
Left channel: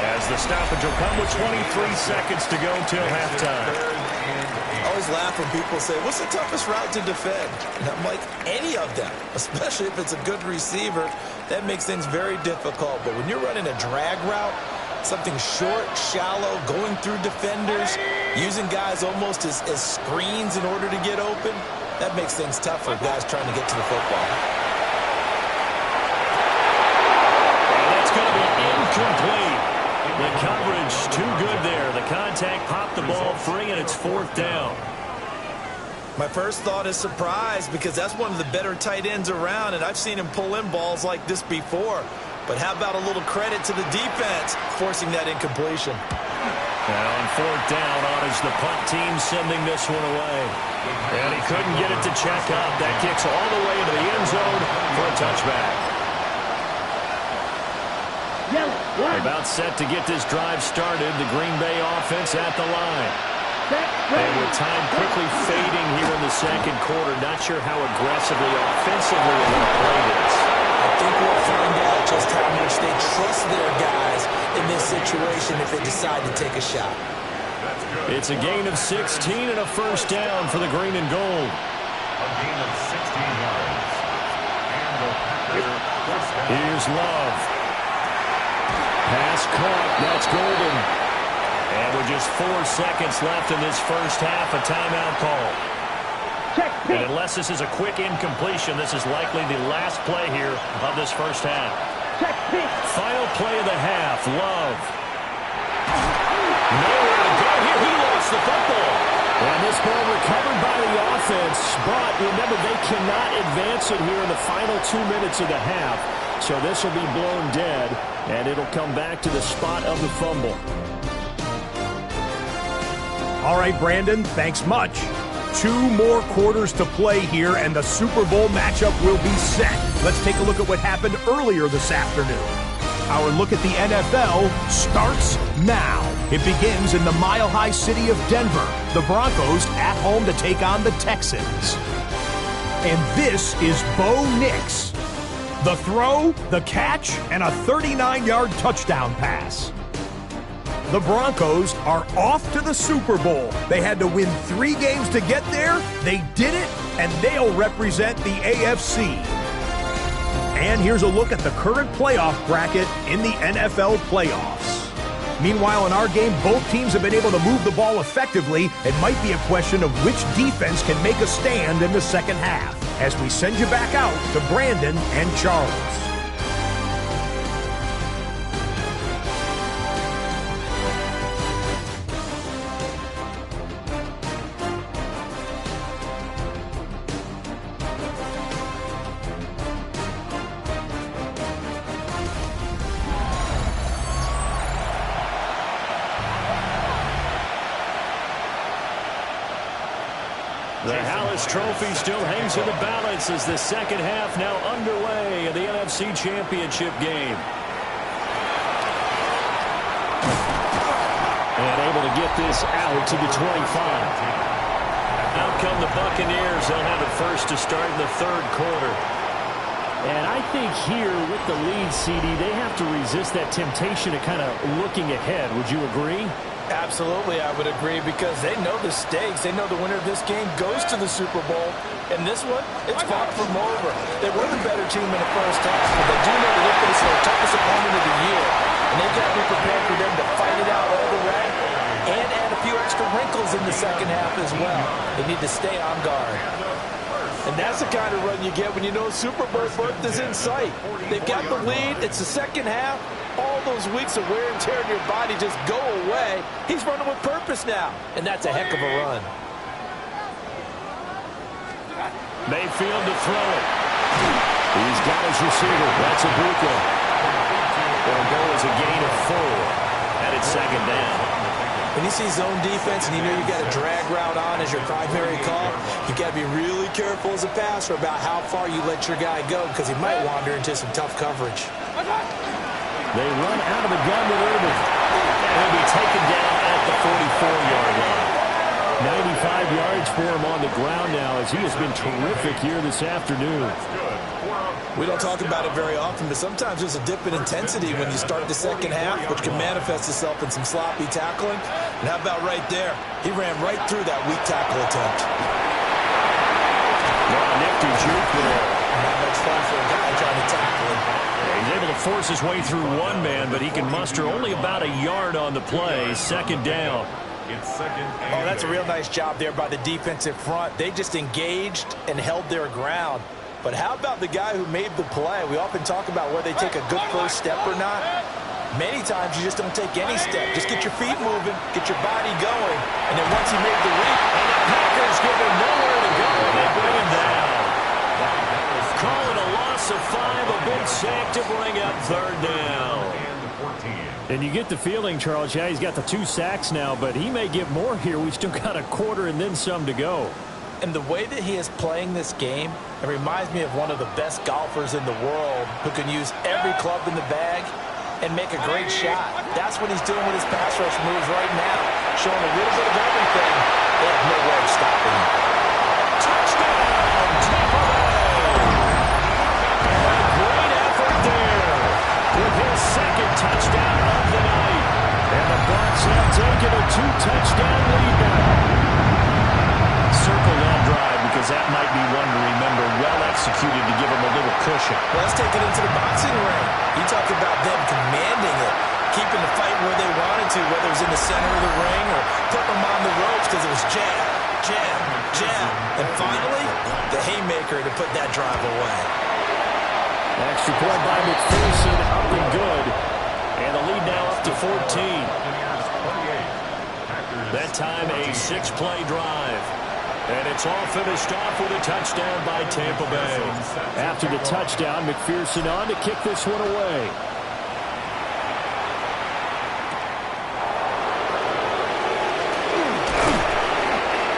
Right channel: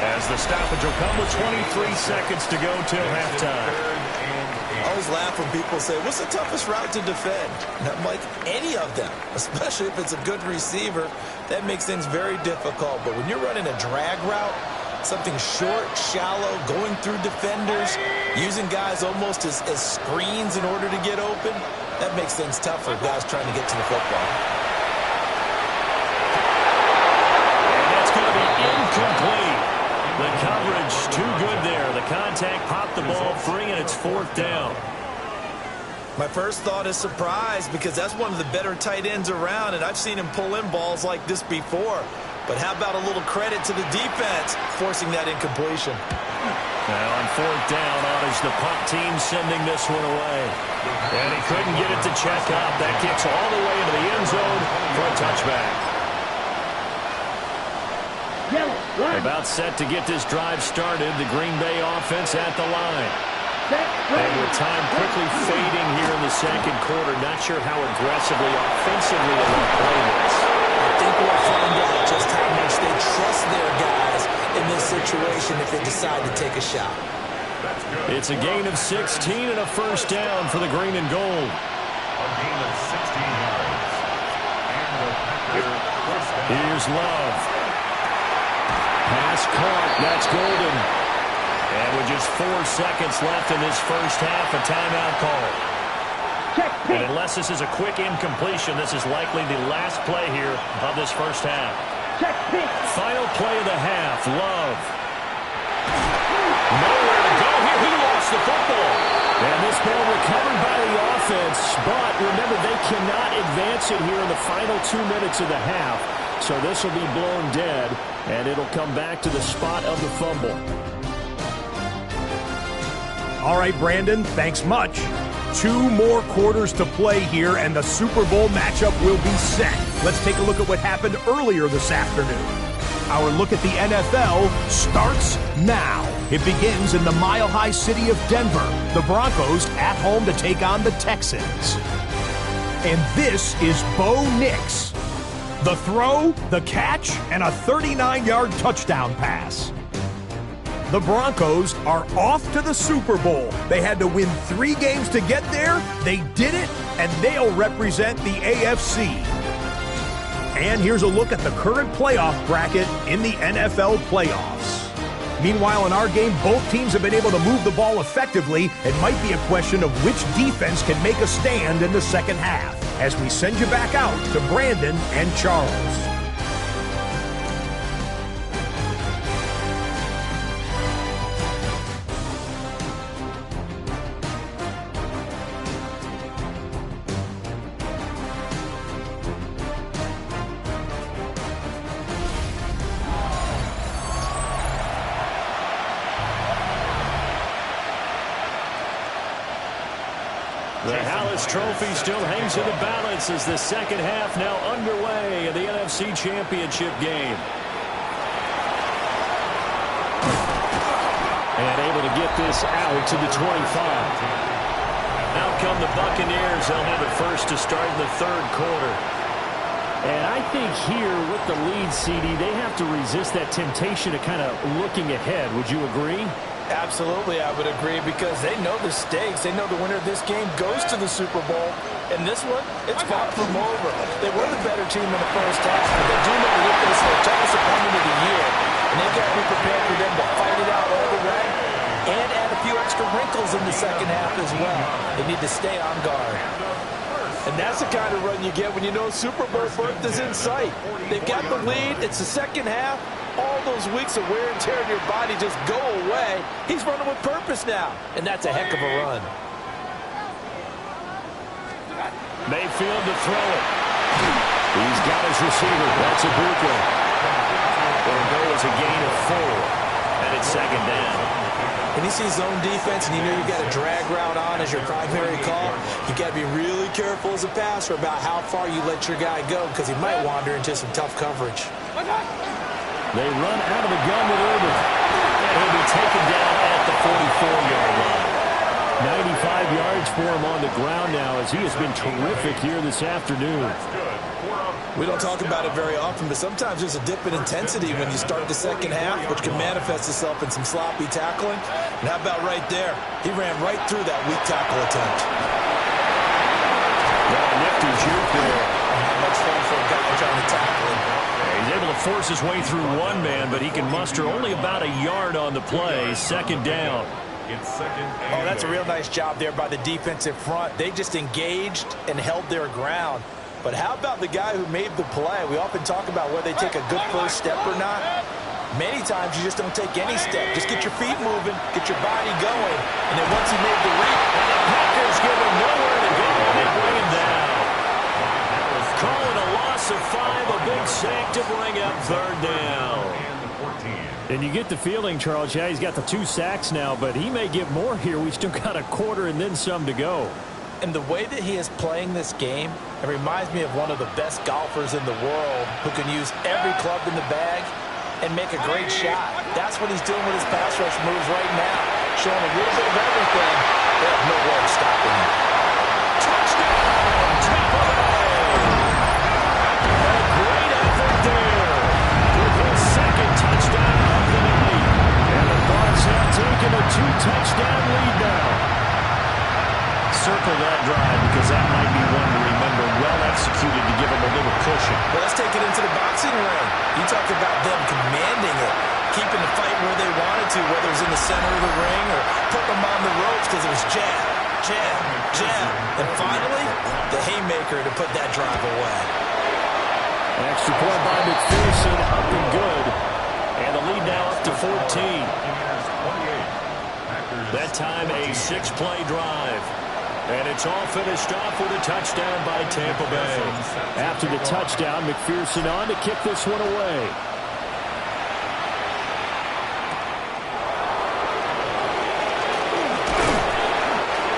as the stoppage will come with 23 seconds to go till halftime. I always laugh when people say, what's the toughest route to defend? And I'm like, any of them, especially if it's a good receiver. That makes things very difficult. But when you're running a drag route, something short, shallow, going through defenders, using guys almost as screens in order to get open, that makes things tough for guys trying to get to the football. And that's going to be incomplete. The coverage too good there. The contact popped the ball free, and it's 4th down. My first thought is surprise because that's one of the better tight ends around, and I've seen him pull in balls like this before. But how about a little credit to the defense forcing that incompletion? Now on 4th down, on is the punt team sending this one away. And he couldn't get it to check up. That kicks all the way into the end zone for a touchback. About set to get this drive started. The Green Bay offense at the line. And with time quickly fading here in the second quarter, not sure how aggressively, offensively they want to play this. I think we'll find out just how much they trust their guys in this situation if they decide to take a shot. It's a gain of 16 and a first down for the green and gold. A gain of 16 yards. And the Packers first down. Here's Love. Pass caught. That's Golden. And with just 4 seconds left in this first half, a timeout call. And unless this is a quick incompletion, this is likely the last play here of this first half. Final play of the half. Love. Nowhere to go here. He lost the football. And this ball recovered by the offense. But remember, they cannot advance it here in the final 2 minutes of the half. So this will be blown dead, and it'll come back to the spot of the fumble. All right, Brandon, thanks much. 2 more quarters to play here, and the Super Bowl matchup will be set. Let's take a look at what happened earlier this afternoon. Our look at the NFL starts now. It begins in the mile-high city of Denver. The Broncos at home to take on the Texans. And this is Bo Nix. The throw, the catch, and a 39-yard touchdown pass. The Broncos are off to the Super Bowl. They had to win 3 games to get there. They did it, and they'll represent the AFC. And here's a look at the current playoff bracket in the NFL playoffs. Meanwhile, in our game, both teams have been able to move the ball effectively. It might be a question of which defense can make a stand in the second half. As we send you back out to Brandon and Charles. The Hallis Trophy still hangs in the balance as the second half now underway in the NFC Championship game. And able to get this out to the 25. Out come the Buccaneers. They'll have it first to start in the third quarter. And I think here with the lead, CD, they have to resist that temptation to kind of looking ahead. Would you agree? Absolutely, I would agree, because they know the stakes. They know the winner of this game goes to the Super Bowl. And this one, it's far from over. They were the better team in the first half, but they do know that they're facing their toughest opponent of the year. And they've got to be prepared for them to fight it out all the way and add a few extra wrinkles in the second half as well. They need to stay on guard. And that's the kind of run you get when you know Super Bowl berth is in sight. They've got the lead. It's the second half. All those weeks of wear and tear in your body just go away. He's running with purpose now, and that's a heck of a run. Mayfield to throw it. He's got his receiver. That's a Bucca. It'll go as a gain of 4, and it's second down. When you see zone defense and you know you've got a drag route on as your primary call, you've got to be really careful as a passer about how far you let your guy go, because he might wander into some tough coverage. They run out of the gun with Urban, and he'll be taken down at the 44-yard line. 95 yards for him on the ground now, as he has been terrific here this afternoon. We don't talk about it very often, but sometimes there's a dip in intensity when you start the second half, which can manifest itself in some sloppy tackling. And how about right there? He ran right through that weak tackle attempt. Nifty juke there. Not much fun for a guy trying to tackle him. Yeah, he's able to force his way through one man, but he can muster only about a yard on the play. Second down. Oh, that's a real nice job there by the defensive front. They just engaged and held their ground. But how about the guy who made the play? We often talk about whether they take a good first step or not. Many times you just don't take any step. Just get your feet moving, get your body going, and then once he made the read, and the Packers give him nowhere to go, and they bring him down. Call it a loss of 5, a big sack to bring up third down. And you get the feeling, Charles, yeah, he's got the 2 sacks now, but he may get more here. We still got a quarter and then some to go. And the way that he is playing this game, it reminds me of one of the best golfers in the world who can use every club in the bag and make a great shot. That's what he's doing with his pass rush moves right now, showing a little bit of everything. They have no way of stopping him. Touchdown, Tampa Bay! A great effort there with his second touchdown of the night. And the Bucs have taken a 2-touchdown lead now. Circle that drive, because that might be one to remember. Well executed to give them a little cushion. Well, let's take it into the boxing ring. You talk about them commanding it, keeping the fight where they wanted to, whether it was in the center of the ring or putting them on the ropes, because it was jab, jab, jab. And finally, the haymaker to put that drive away. Extra point by McPherson, up and good. And the lead now up to 14. That time a 6-play drive. And it's all finished off with a touchdown by Tampa Bay. After the touchdown, McPherson on to kick this one away.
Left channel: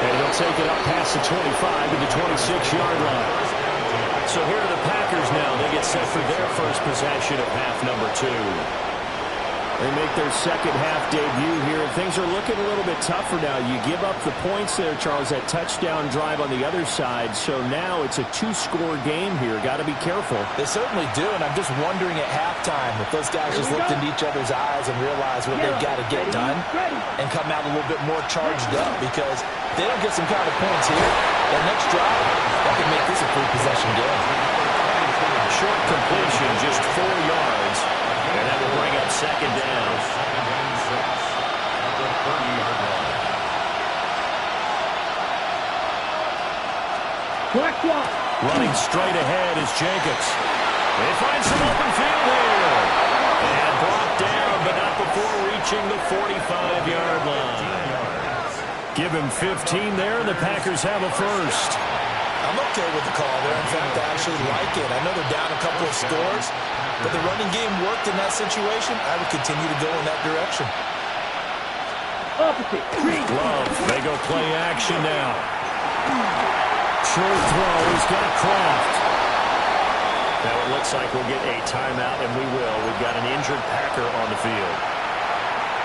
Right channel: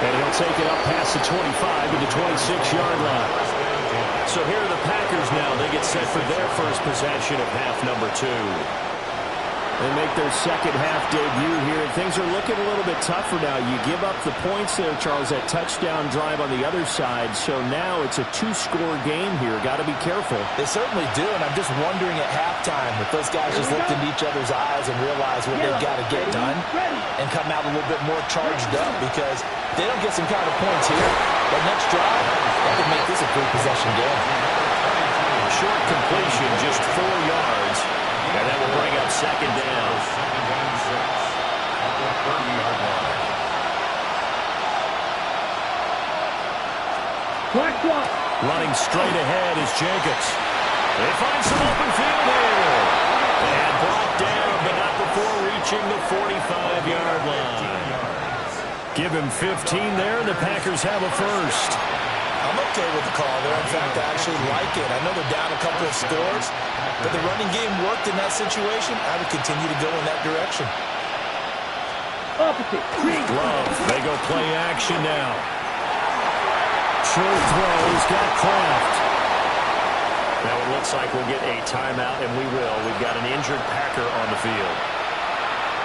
And he'll take it up past the 25 to the 26-yard line. So here are the Packers now. They get set for their first possession of half number 2. They make their second half debut here, and things are looking a little bit tougher now. You give up the points there, Charles, that touchdown drive on the other side. So now it's a 2-score game here. Got to be careful. They certainly do, and I'm just wondering at halftime if those guys just looked into each other's eyes and realized what they've got to get done and come out a little bit more charged up, because if they don't get some kind of points here, that next drive, that could make this a free possession game. Short completion, just 4 yards. And that will bring up second down. Running straight ahead is Jacobs. They find some open field here. And brought down, but not before reaching the 45-yard line. Give him 15 there, and the Packers have a first. I'm okay with the call there. In fact, I actually like it. I know they're down a couple of scores, but the running game worked in that situation. I would continue to go in that direction. Love, they go play action now. Short throw. He's got Kraft. Now it looks like we'll get a timeout, and we will. We've got an injured Packer on the field.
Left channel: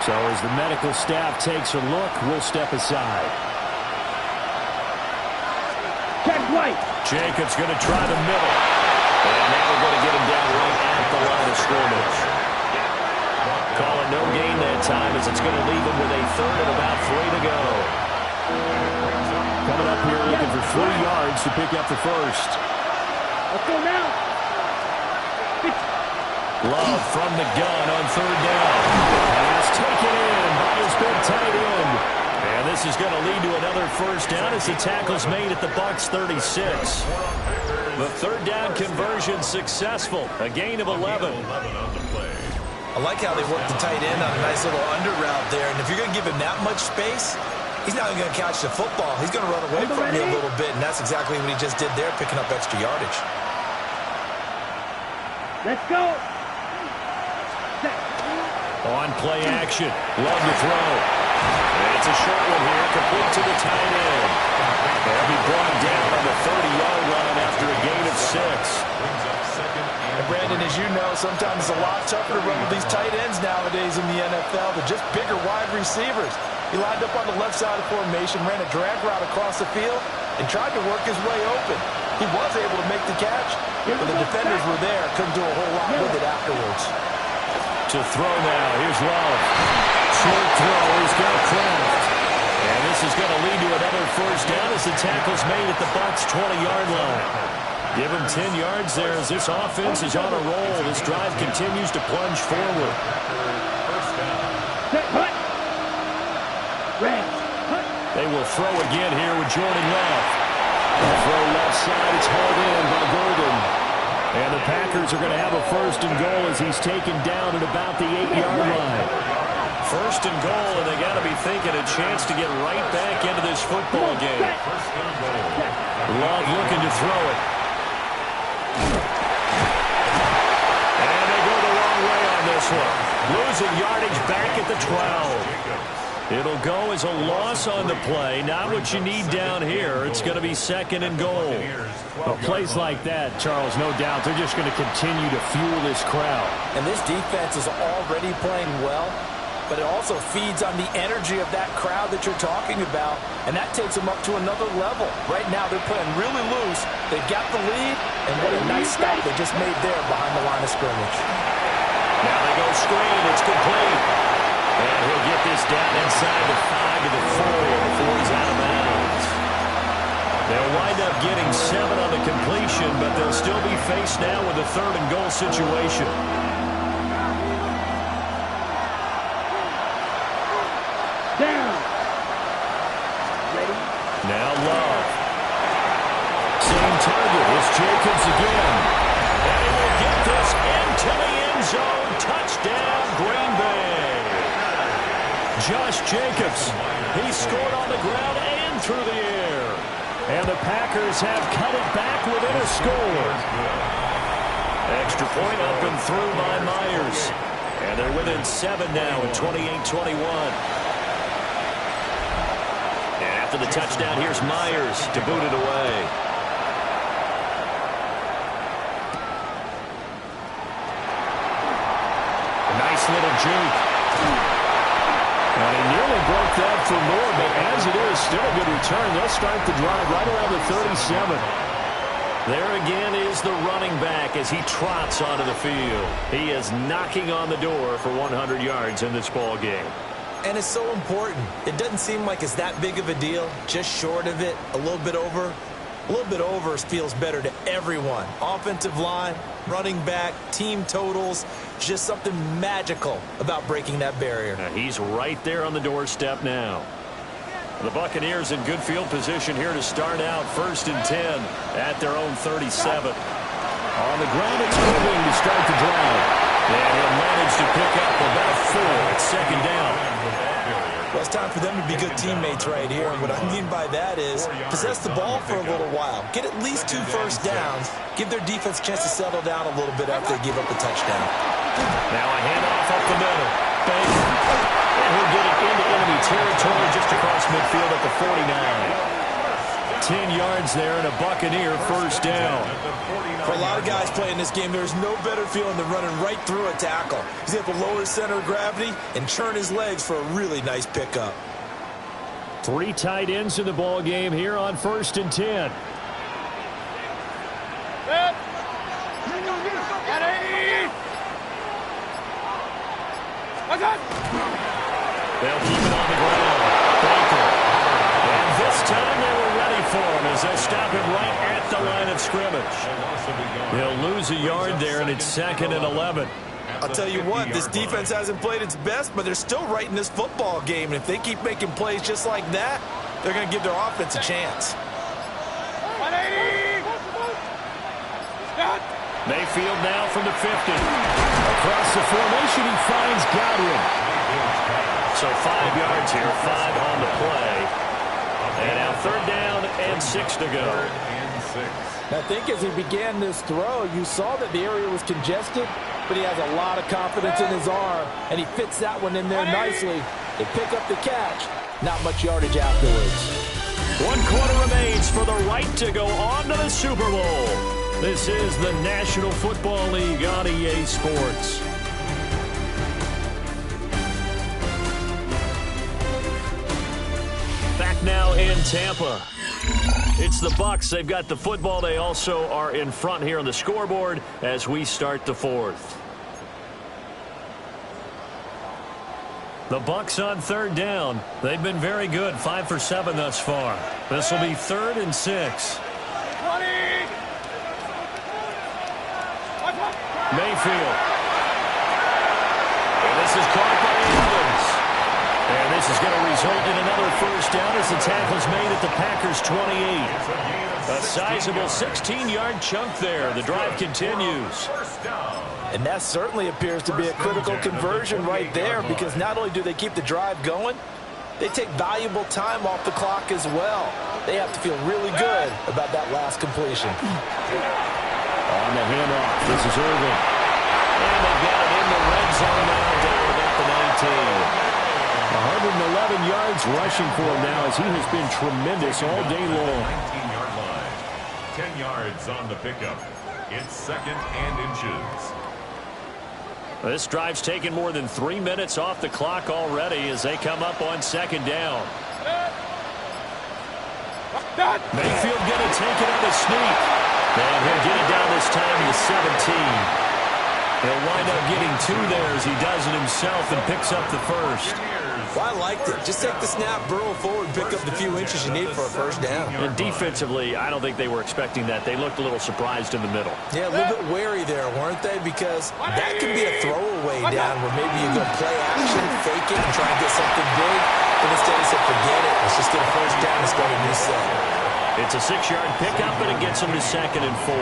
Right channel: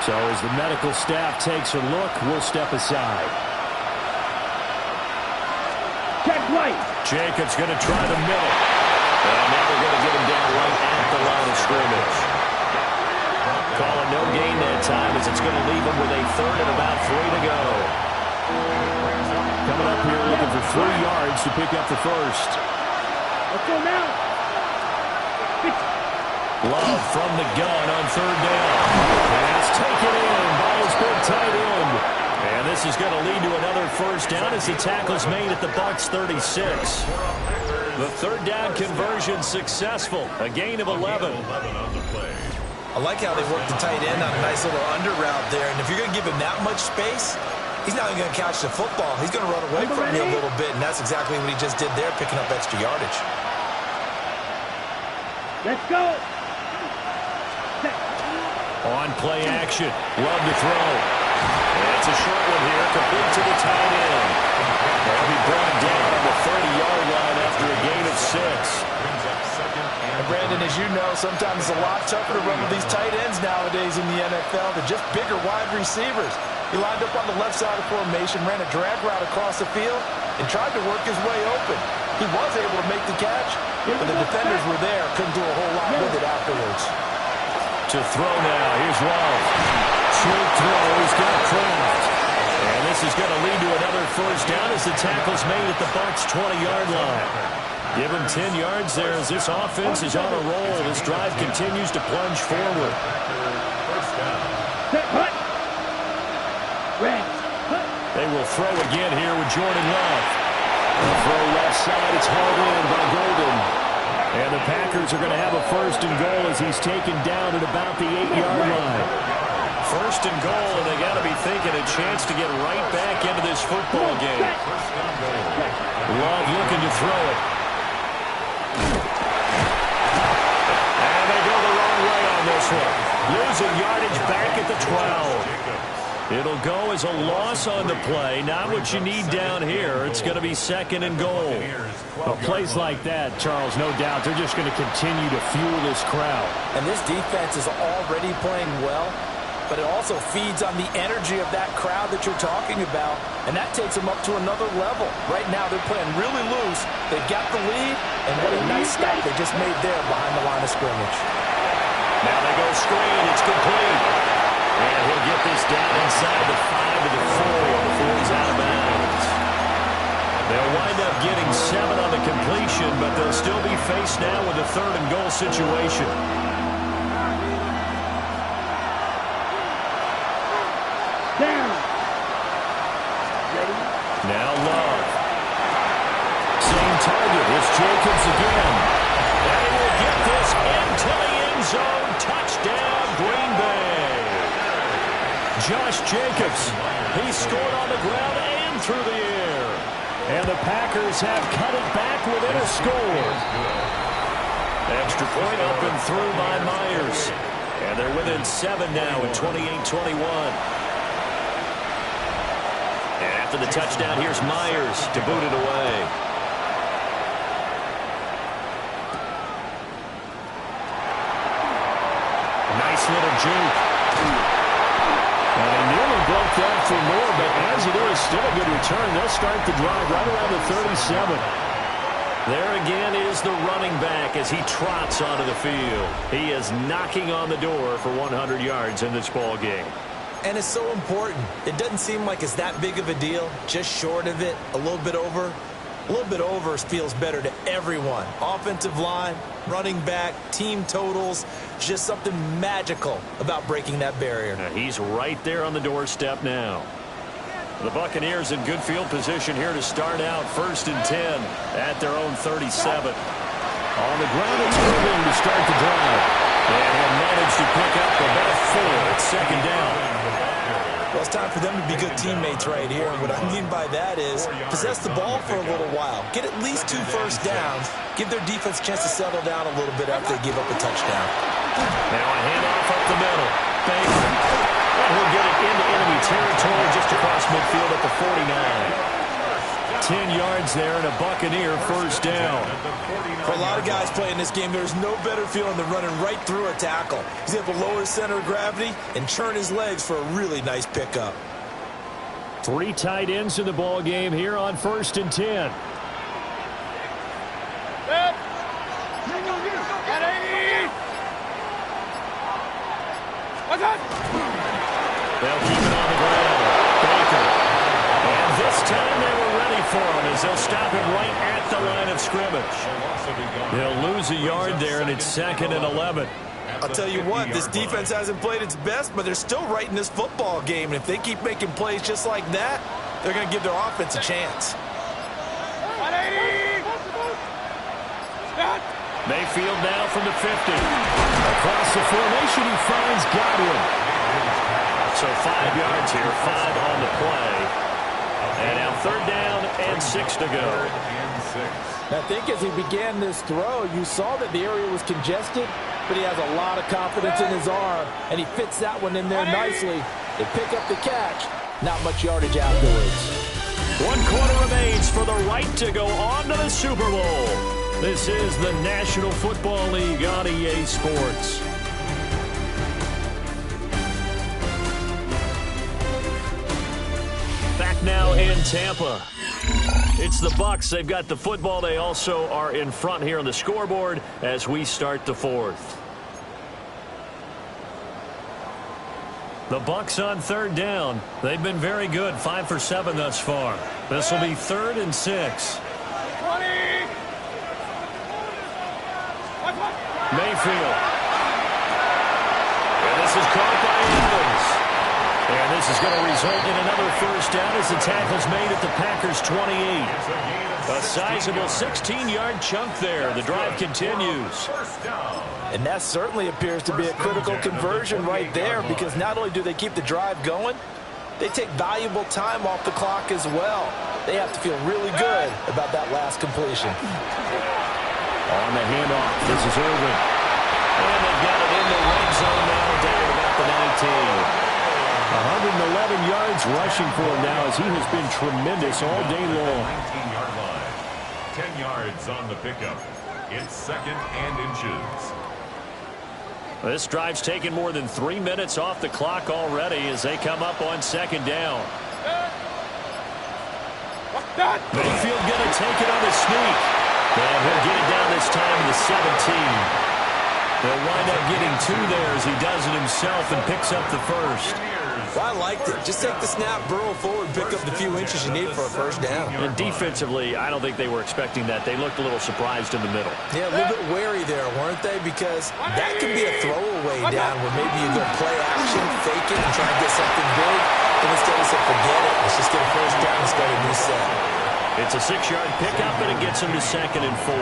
So as the medical staff takes a look, we'll step aside. Check right. Jacobs going to try the middle. And now they're going to get him down right at the line of scrimmage. Calling no gain that time as it's going to leave him with a third and about 3 to go. Coming up here looking for 3 yards to pick up the first. Let's go now. Love from the gun on 3rd down. Pass taken in by his big tight end. And this is going to lead to another first down as the tackle's made at the Bucs 36. The 3rd down conversion successful. A gain of 11. I like how they work the tight end on a nice little under route there. And if you're going to give him that much space, he's not even going to catch the football. He's going to run away from you a little bit, and that's exactly what he just did there, picking up extra yardage. Let's go. On play action. Love to throw. And it's a short one here, complete to the tight end. They'll be brought down on the 30-yard line after a gain of 6. And Brandon, as you know, sometimes it's a lot tougher to run with these tight ends nowadays in the NFL. They're just bigger wide receivers. He lined up on the left side of formation, ran a drag route across the field, and tried to work his way open. He was able to make the catch, but the defenders were there, couldn't do a whole lot with it afterwards. To throw now, here's Love. Short throw, he's got Kraft. And this is going to lead to another first down as the tackle's made at the Bucs 20-yard line. Give him 10 yards there as this offense is on a roll. This drive continues to plunge forward. They will throw again here with Jordan Love. The throw left side, it's hauled in by Golden. And the Packers are going to have a 1st and goal as he's taken down at about the 8-yard line. 1st and goal, and they got to be thinking a chance to get right back into this football game. Love looking to throw it. And they go the wrong way on this one. Losing yardage back at the 12. It'll go as a loss on the play. Not what you need down here. It's going to be 2nd and goal. Well, plays like that, Charles, no doubt, they're just going to continue to fuel this crowd. And this defense is already playing well, but it also feeds on the energy of that crowd that you're talking about, and that takes them up to another level. Right now, they're playing really loose. They've got the lead, and what a nice stop they just made there behind the line of scrimmage. Now they go screen. It's complete. And he'll get this down inside the 5 to the 4 before he's out of bounds. They'll wind up getting 7 on the completion, but they'll still be faced now with a 3rd and goal situation. Down. Ready? Now Love. Same target. It's Jacobs again. And he will get this into the end zone. Touchdown, Green Bay. Josh Jacobs, he scored on the ground and through the air. And the Packers have cut it back within a score. Extra point up and through by Myers. And they're within 7 now at 28-21. And after the touchdown, here's Myers to boot it away. A nice little juke. And they nearly broke that for more, but as it is, still a good return. They'll start the drive right around the 37. There again is the running back as he trots onto the field. He is knocking on the door for 100 yards in this ball game. And it's so important. It doesn't seem like it's that big of a deal. Just short of it, a little bit over. A little bit over feels better to everyone. Offensive line, running back, team totals, just something magical about breaking that barrier. Now he's right there on the doorstep now. The Buccaneers in good field position here to start out 1st and 10 at their own 37. On the ground, it's moving to start the drive. And he'll manage to pick up about 4 at 2nd down. Well, it's time for them to be good teammates right here. And what I mean by that is possess the ball for a little while. Get at least 2 first downs. Give their defense a chance to settle down a little bit after they give up a touchdown. Now a handoff up the middle. Baker. And he'll get it into enemy territory just across midfield at the 49. 10 yards there and a Buccaneer first down. For a lot of guys playing this game, there's no better feeling than running right through a tackle. He's able to lower his center of gravity and churn his legs for a really nice pickup. 3 tight ends in the ball game here on 1st and 10. They'll keep it on the ground. Baker. And this time they were ready for him as they'll stop him right at the line of scrimmage. He'll lose a yard there, and it's 2nd and 11. I'll tell you what, this defense hasn't played its best, but they're still right in this football game. And if they keep making plays just like that, they're going to give their offense a chance. Mayfield now from the 50. Across the formation, he finds Godwin. So 5 yards here, 5 on the play. And now 3rd down and 6 to go. I think as he began this throw, you saw that the area was congested, but he has a lot of confidence in his arm, and he fits that one in there nicely. They pick up the catch. Not much yardage afterwards. 1 quarter remains for the right to go on to the Super Bowl. This is the National Football League on EA Sports. Back now in Tampa. It's the Bucs. They've got the football. They also are in front here on the scoreboard as we start the 4th. The Bucs on 3rd down. They've been very good, 5 for 7 thus far. This will be 3rd and 6. Mayfield. And this is caught by Evans. And this is going to result in another first down as the tackle's made at the Packers' 28. A sizable 16-yard chunk there. The drive continues. And that certainly appears to be a critical conversion right there, because not only do they keep the drive going, they take valuable time off the clock as well. They have to feel really good about that last completion. On the handoff, this is Irvin. And they've got it in the red zone now, down about the 19. 111 yards rushing for him now as he has been tremendous all day long. 19-yard line. 10 yards on the pickup. It's 2nd and inches. This drive's taken more than 3 minutes off the clock already as they come up on 2nd down. Mayfield going to take it on the sneak. And he'll get it down this time to the 17. He'll wind up getting 2 there as he does it himself and picks up the first. Well, I liked it. Just take the snap, burrow forward, pick up the few inches you need for a first down. And defensively, I don't think they were expecting that. They looked a little surprised in the middle. Yeah, a little bit wary there, weren't they? Because that could be a throwaway down where maybe you go play action, fake it, and try and get something big. But instead he said, forget it. Let's just get a first down and start a new set. It's a 6-yard pickup, and it gets him to 2nd and 4.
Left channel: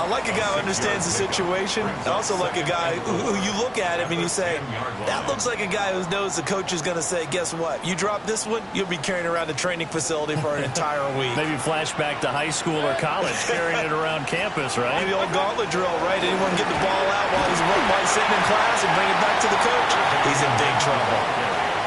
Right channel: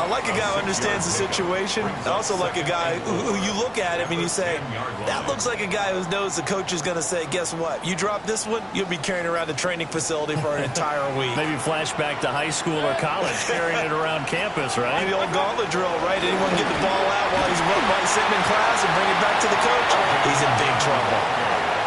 I like a guy who understands the situation. I also like a guy who you look at him and you say, that looks like a guy who knows the coach is going to say, guess what? You drop this one, you'll be carrying around the training facility for an entire week. Maybe flashback to high school or college, carrying it around campus, right? The old gauntlet drill, right? Anyone get the ball out while he's sitting in class and bring it back to the coach? He's in big trouble.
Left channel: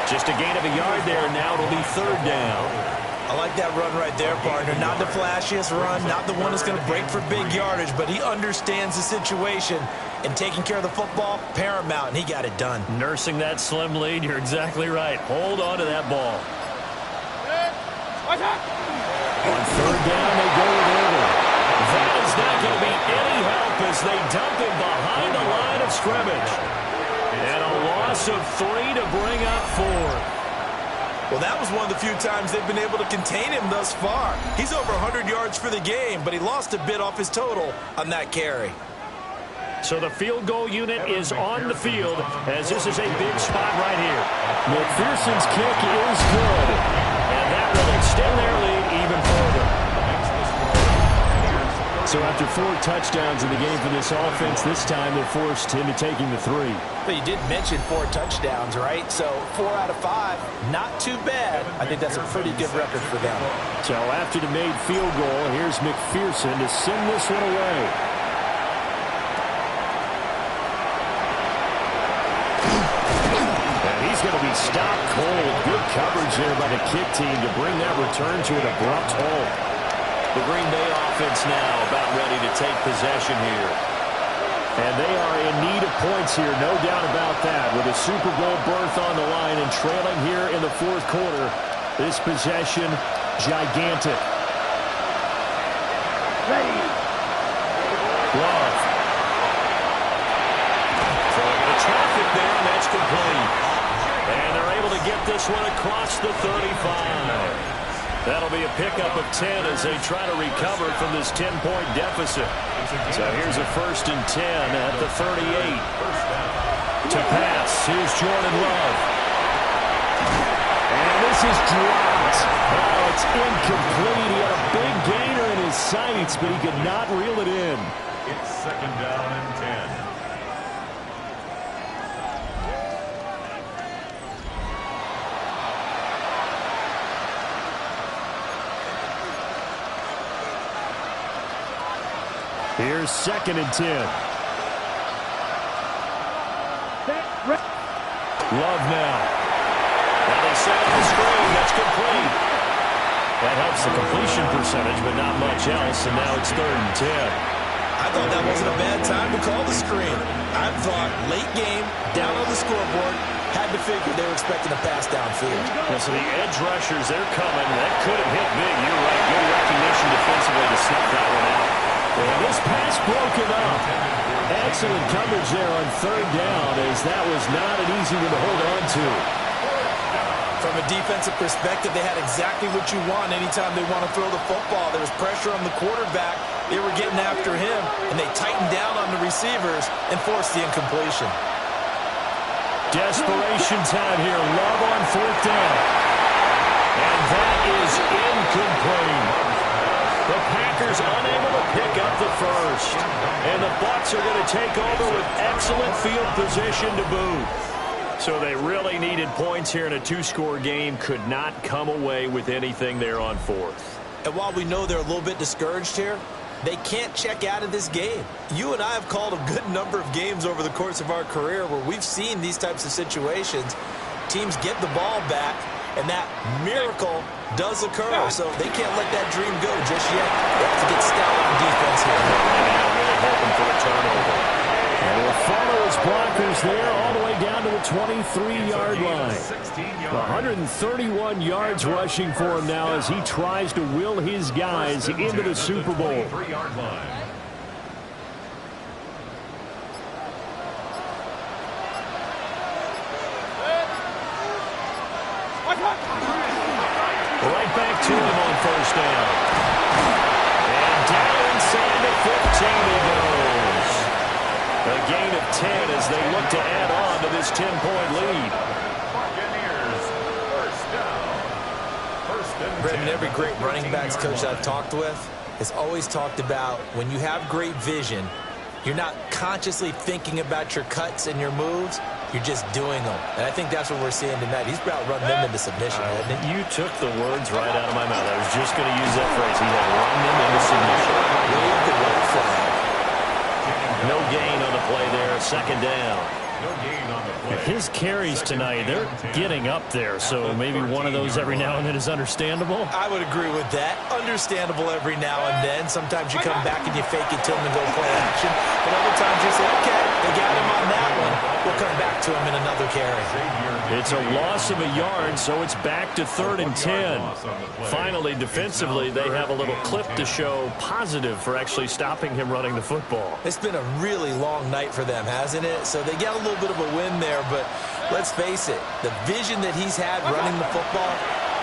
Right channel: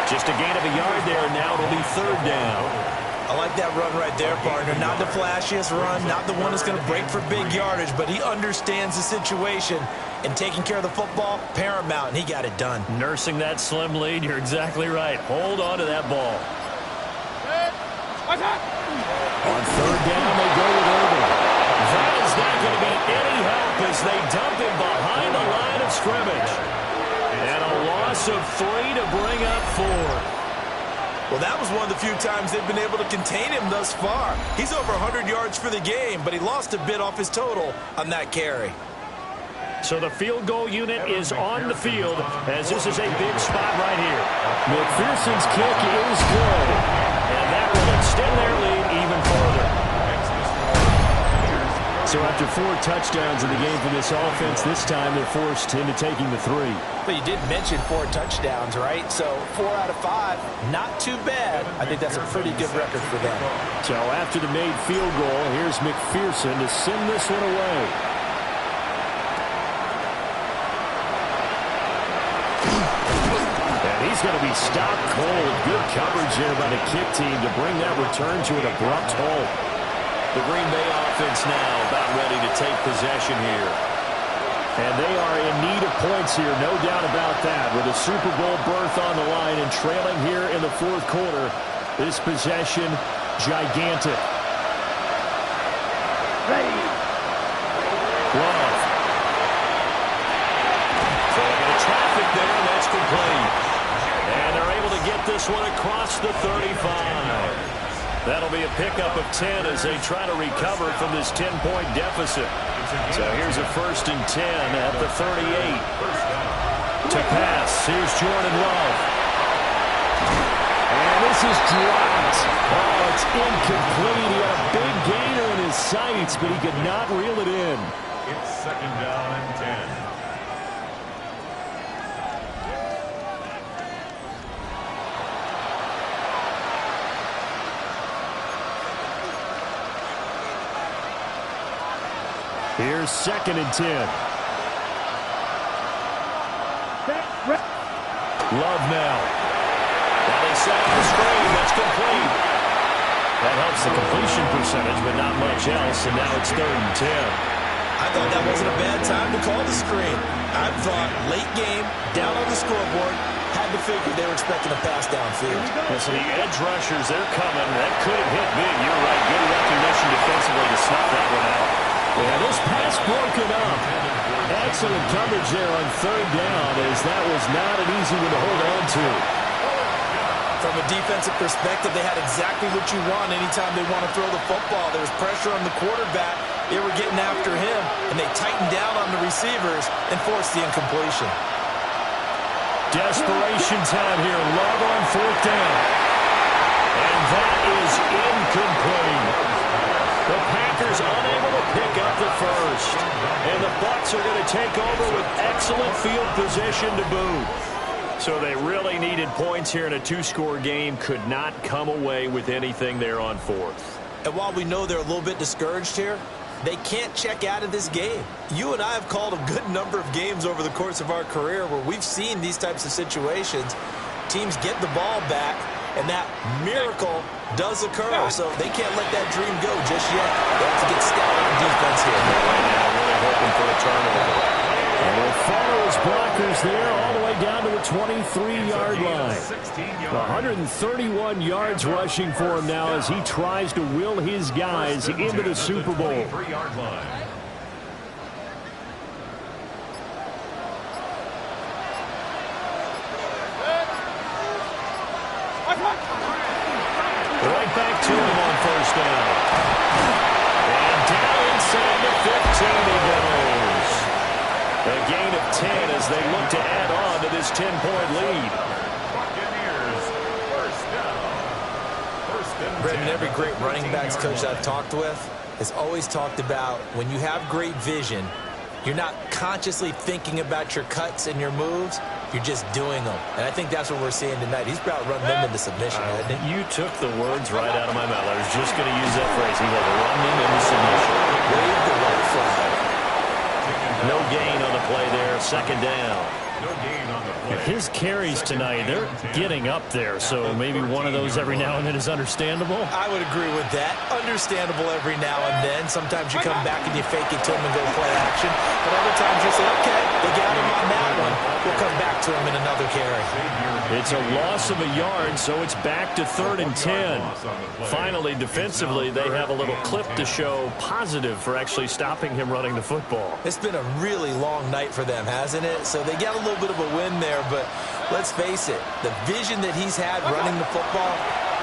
Just a gain of a yard there. Now it'll be 3rd down. I like that run right there, partner. Not the flashiest run, not the one that's going to break for big yardage, but he understands the situation, and taking care of the football, paramount, and he got it done. Nursing that slim lead, you're exactly right. Hold on to that ball. On 3rd down, they go with Irvin. That is not going to be any help as they dump him behind the line of scrimmage. And a loss of 3 to bring up 4. Well, that was one of the few times they've been able to contain him thus far. He's over 100 yards for the game, but he lost a bit off his total on that carry. So the field goal unit is on the field as this is a big spot right here. McPherson's kick is good, and that will extend their lead even further. So after 4 touchdowns in the game for this offense, this time they're forced into taking the 3. But you did mention 4 touchdowns, right? So 4 out of 5, not too bad. I think that's a pretty good record for them. So after the made field goal, here's McPherson to send this one away. And he he's going to be stopped cold. Good coverage there by the kick team to bring that return to an abrupt halt. The Green Bay offense now about ready to take possession here. And they are in need of points here, no doubt about that. With a Super Bowl berth on the line and trailing here in the fourth quarter, this possession, gigantic. Ready. Love. Throwing into traffic there, and that's complete. And they're able to get this one across the 35. That'll be a pickup of 10 as they try to recover from this 10-point deficit. So here's a 1st and 10 at the 38. To pass, here's Jordan Love. And this is dropped. Oh, it's incomplete. He had a big gainer in his sights, but he could not reel it in. It's 2nd down and 10. Here's 2nd and 10. Love now. Now they set up the screen. That's complete. That helps the completion percentage, but not much else. And now it's 3rd and 10. I thought that wasn't a bad time to call the screen. I thought late game, down on the scoreboard, had to figure they were expecting a pass downfield. Yeah, so the edge rushers, they're coming. That could have hit big. You're right. Good recognition defensively to snuff that one out. Yeah, this pass broken up. Excellent coverage there on 3rd down, as that was not an easy one to hold on to. From a defensive perspective, they had exactly what you want anytime they want to throw the football. There was pressure on the quarterback. They were getting after him, and they tightened down on the receivers and forced the incompletion. Desperation time here. Love on 4th down. And that is incomplete. The Packers unable to pick up the first. And the Bucs are going to take over with excellent field position to boot. So they really needed points here in a 2-score game. Could not come away with anything there on 4th. And while we know they're a little bit discouraged here, they can't check out of this game. You and I have called a good number of games over the course of our career where we've seen these types of situations. Teams get the ball back, and that miracle does occur. So they can't let that dream go just yet. They have to get stout on defense here. Right now, really hoping for a turnover. And he'll follow his blockers there all the way down to the 23-yard line. 131 yards rushing for him now as he tries to will his guys into the Super Bowl. Right back to him on 1st down. And down inside the 15 he goes. A gain of 10 as they look to add on to this 10-point lead. Buccaneers, 1st down. 1st and 10. Brendan, every great running backs coach I've talked with has always talked about when you have great vision, you're not consciously thinking about your cuts and your moves. You're just doing them. And I think that's what we're seeing tonight. He's about run them into submission, hasn't he? You took the words right out of my mouth. I was just going to use that phrase. He had run them into submission. Wave the white flag. No gain on the play there. 2nd down. No gain on the play. His carries tonight, they're getting up there, so maybe one of those every now and then is understandable. I would agree with that. Understandable every now and then. Sometimes you come back and you fake it to him and go play action. But other times you say, okay, they got him on that one. We'll come back to him in another carry. It's a loss of a yard, so it's back to 3rd and 10. Finally, defensively, they have a little clip to show positive for actually stopping him running the football. It's been a really long night for them, hasn't it? So they got a little bit of a win there, but let's face it, the vision that he's had running the football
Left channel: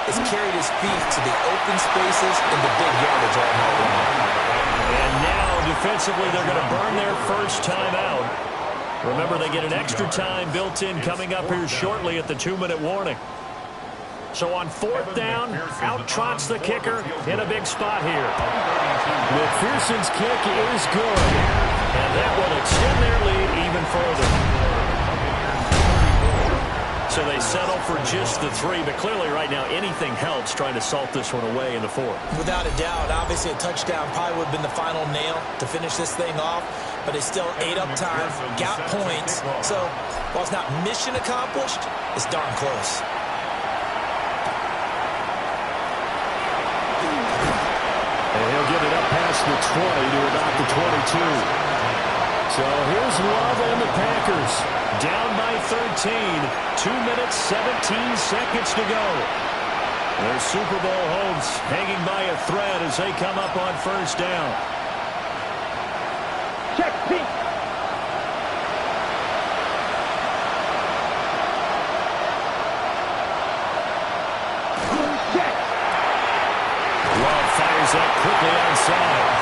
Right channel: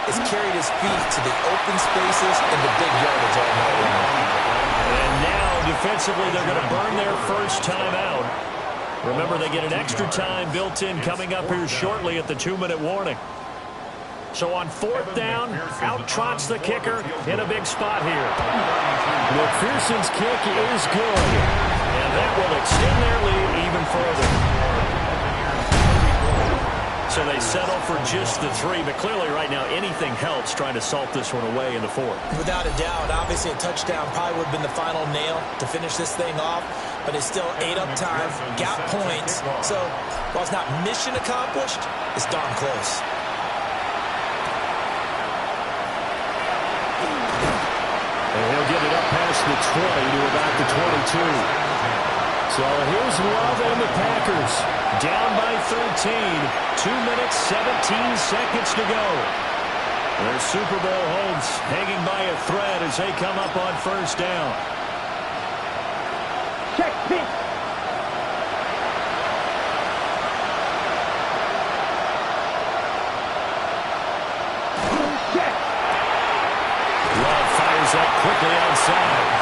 has carried his feet to the open spaces and the big yardage all night long. And now, defensively, they're going to burn their first time out. Remember, they get an extra time built in coming up here shortly at the 2-minute warning. So on 4th down, out trots the kicker in a big spot here. McPherson's kick is good, and that will extend their lead even further. So they settle for just the 3, but clearly right now anything helps trying to salt this one away in the 4th. Without a doubt, obviously a touchdown probably would have been the final nail to finish this thing off, but it's still ate up time, got points. So while it's not mission accomplished, it's darn close. And he'll get it up past the 20 to about the 22. So here's Love and the Packers. Down by 13. 2 minutes, 17 seconds to go. Their Super Bowl hopes hanging by a thread as they come up on first down. Check pink. Check. Love fires that quickly outside.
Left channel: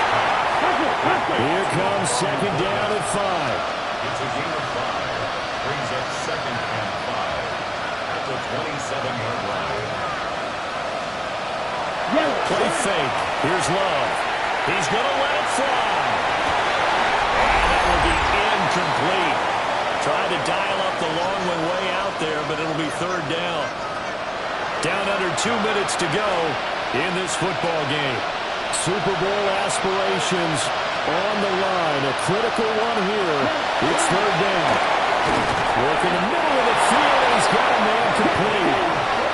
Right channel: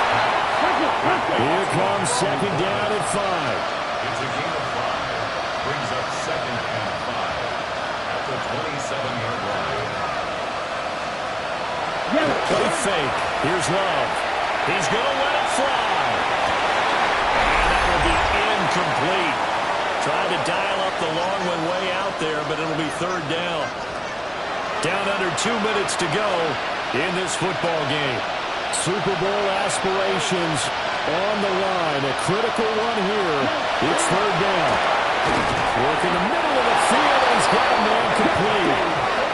Here comes second down at 5. It's a gain of 5. Brings up 2nd and 5 at the 27-yard line. Play fake. Here's Love. He's going to let it fly. And that will be incomplete. Tried to dial up the long one way out there, but it'll be 3rd down. Down under 2 minutes to go in this football game. Super Bowl aspirations on the line. A critical one here. It's 3rd down. Work in the middle of the field, and he's got a man complete.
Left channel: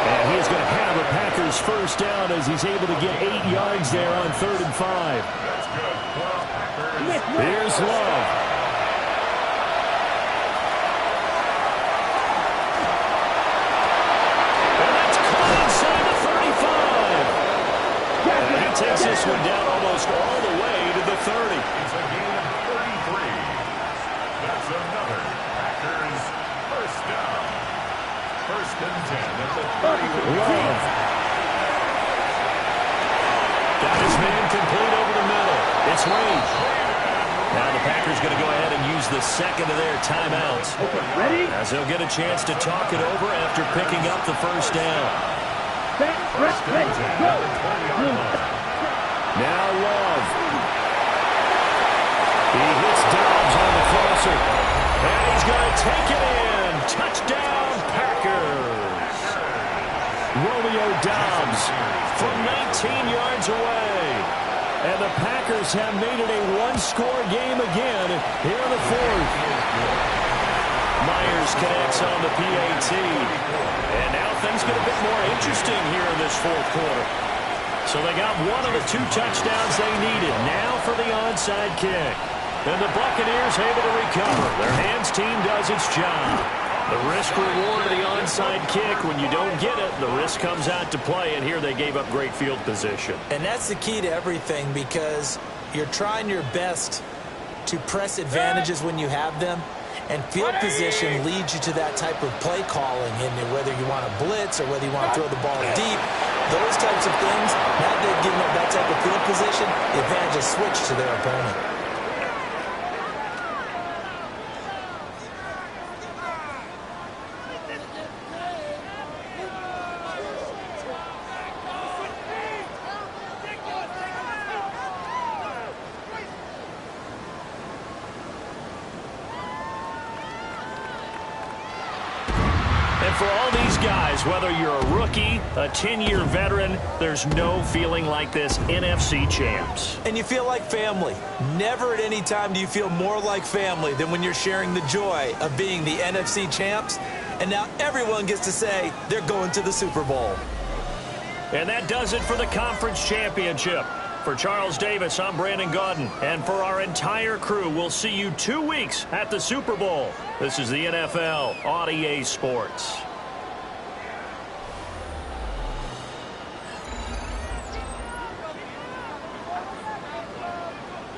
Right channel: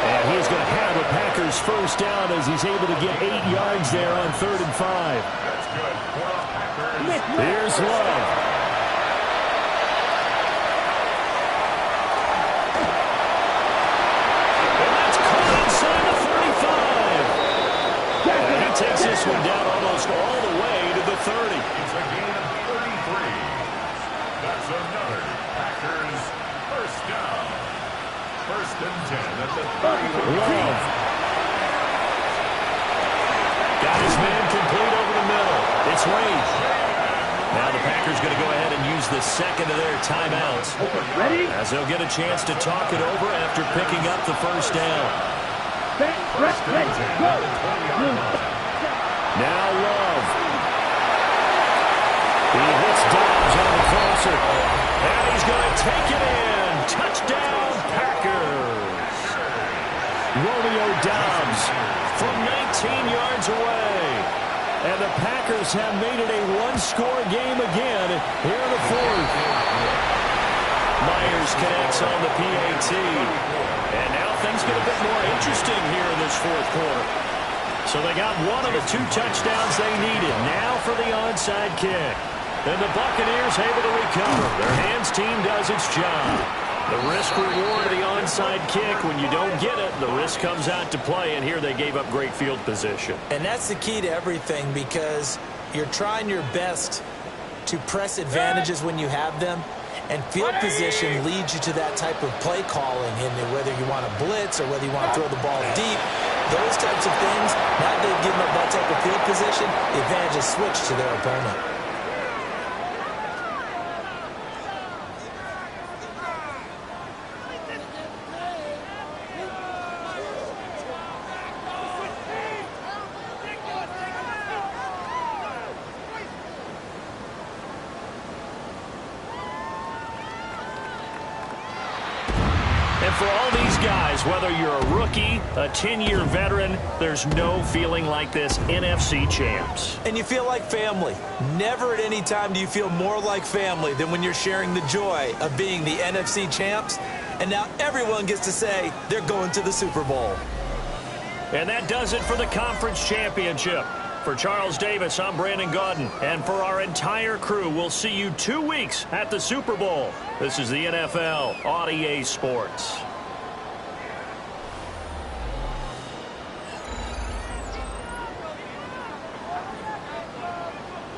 And he's going to have a Packers first down as he's able to get 8 yards there on 3rd and 5. That's good for the Packers. Here's Love. And that's caught inside the 35. And he takes this one down almost all the way to the 30. It's a gain of 33. That's another Packers first down. 1st and 10 at the 31. Love. Got his man complete over the middle. It's Wade. Now the Packers going to go ahead and use the second of their timeouts. Ready? As they'll get a chance to talk it over after picking up the first down. Set, ready, go. Now Love. He hits Dobbs on the crosser. And he's going to take it in. Touchdown, Packers. Romeo Dobbs from 19 yards away. And the Packers have made it a one-score game again here in the 4th. Myers connects on the PAT. And now things get a bit more interesting here in this 4th quarter. So they got one of the 2 touchdowns they needed. Now for the onside kick. And the Buccaneers able to recover. Their hands team does its job. The risk-reward of the onside kick, when you don't get it, the risk comes out to play, and here they gave up great field position. And that's the key to everything, because you're trying your best to press advantages when you have them, and field position leads you to that type of play calling, and whether you want to blitz or whether you want to throw the ball deep, those types of things, now that they've given up that type of field position, the advantage is switched to their opponent. And for all these guys, whether you're a rookie, a 10-year veteran, there's no feeling like this NFC champs. And you feel like family. Never at any time do you feel more like family than when you're sharing the joy of being the NFC champs. And now everyone gets to say they're going to the Super Bowl. And that does it for the conference championship. For Charles Davis, I'm Brandon Gaudin. And for our entire crew, we'll see you 2 weeks at the Super Bowl. This is the NFL on EA Sports.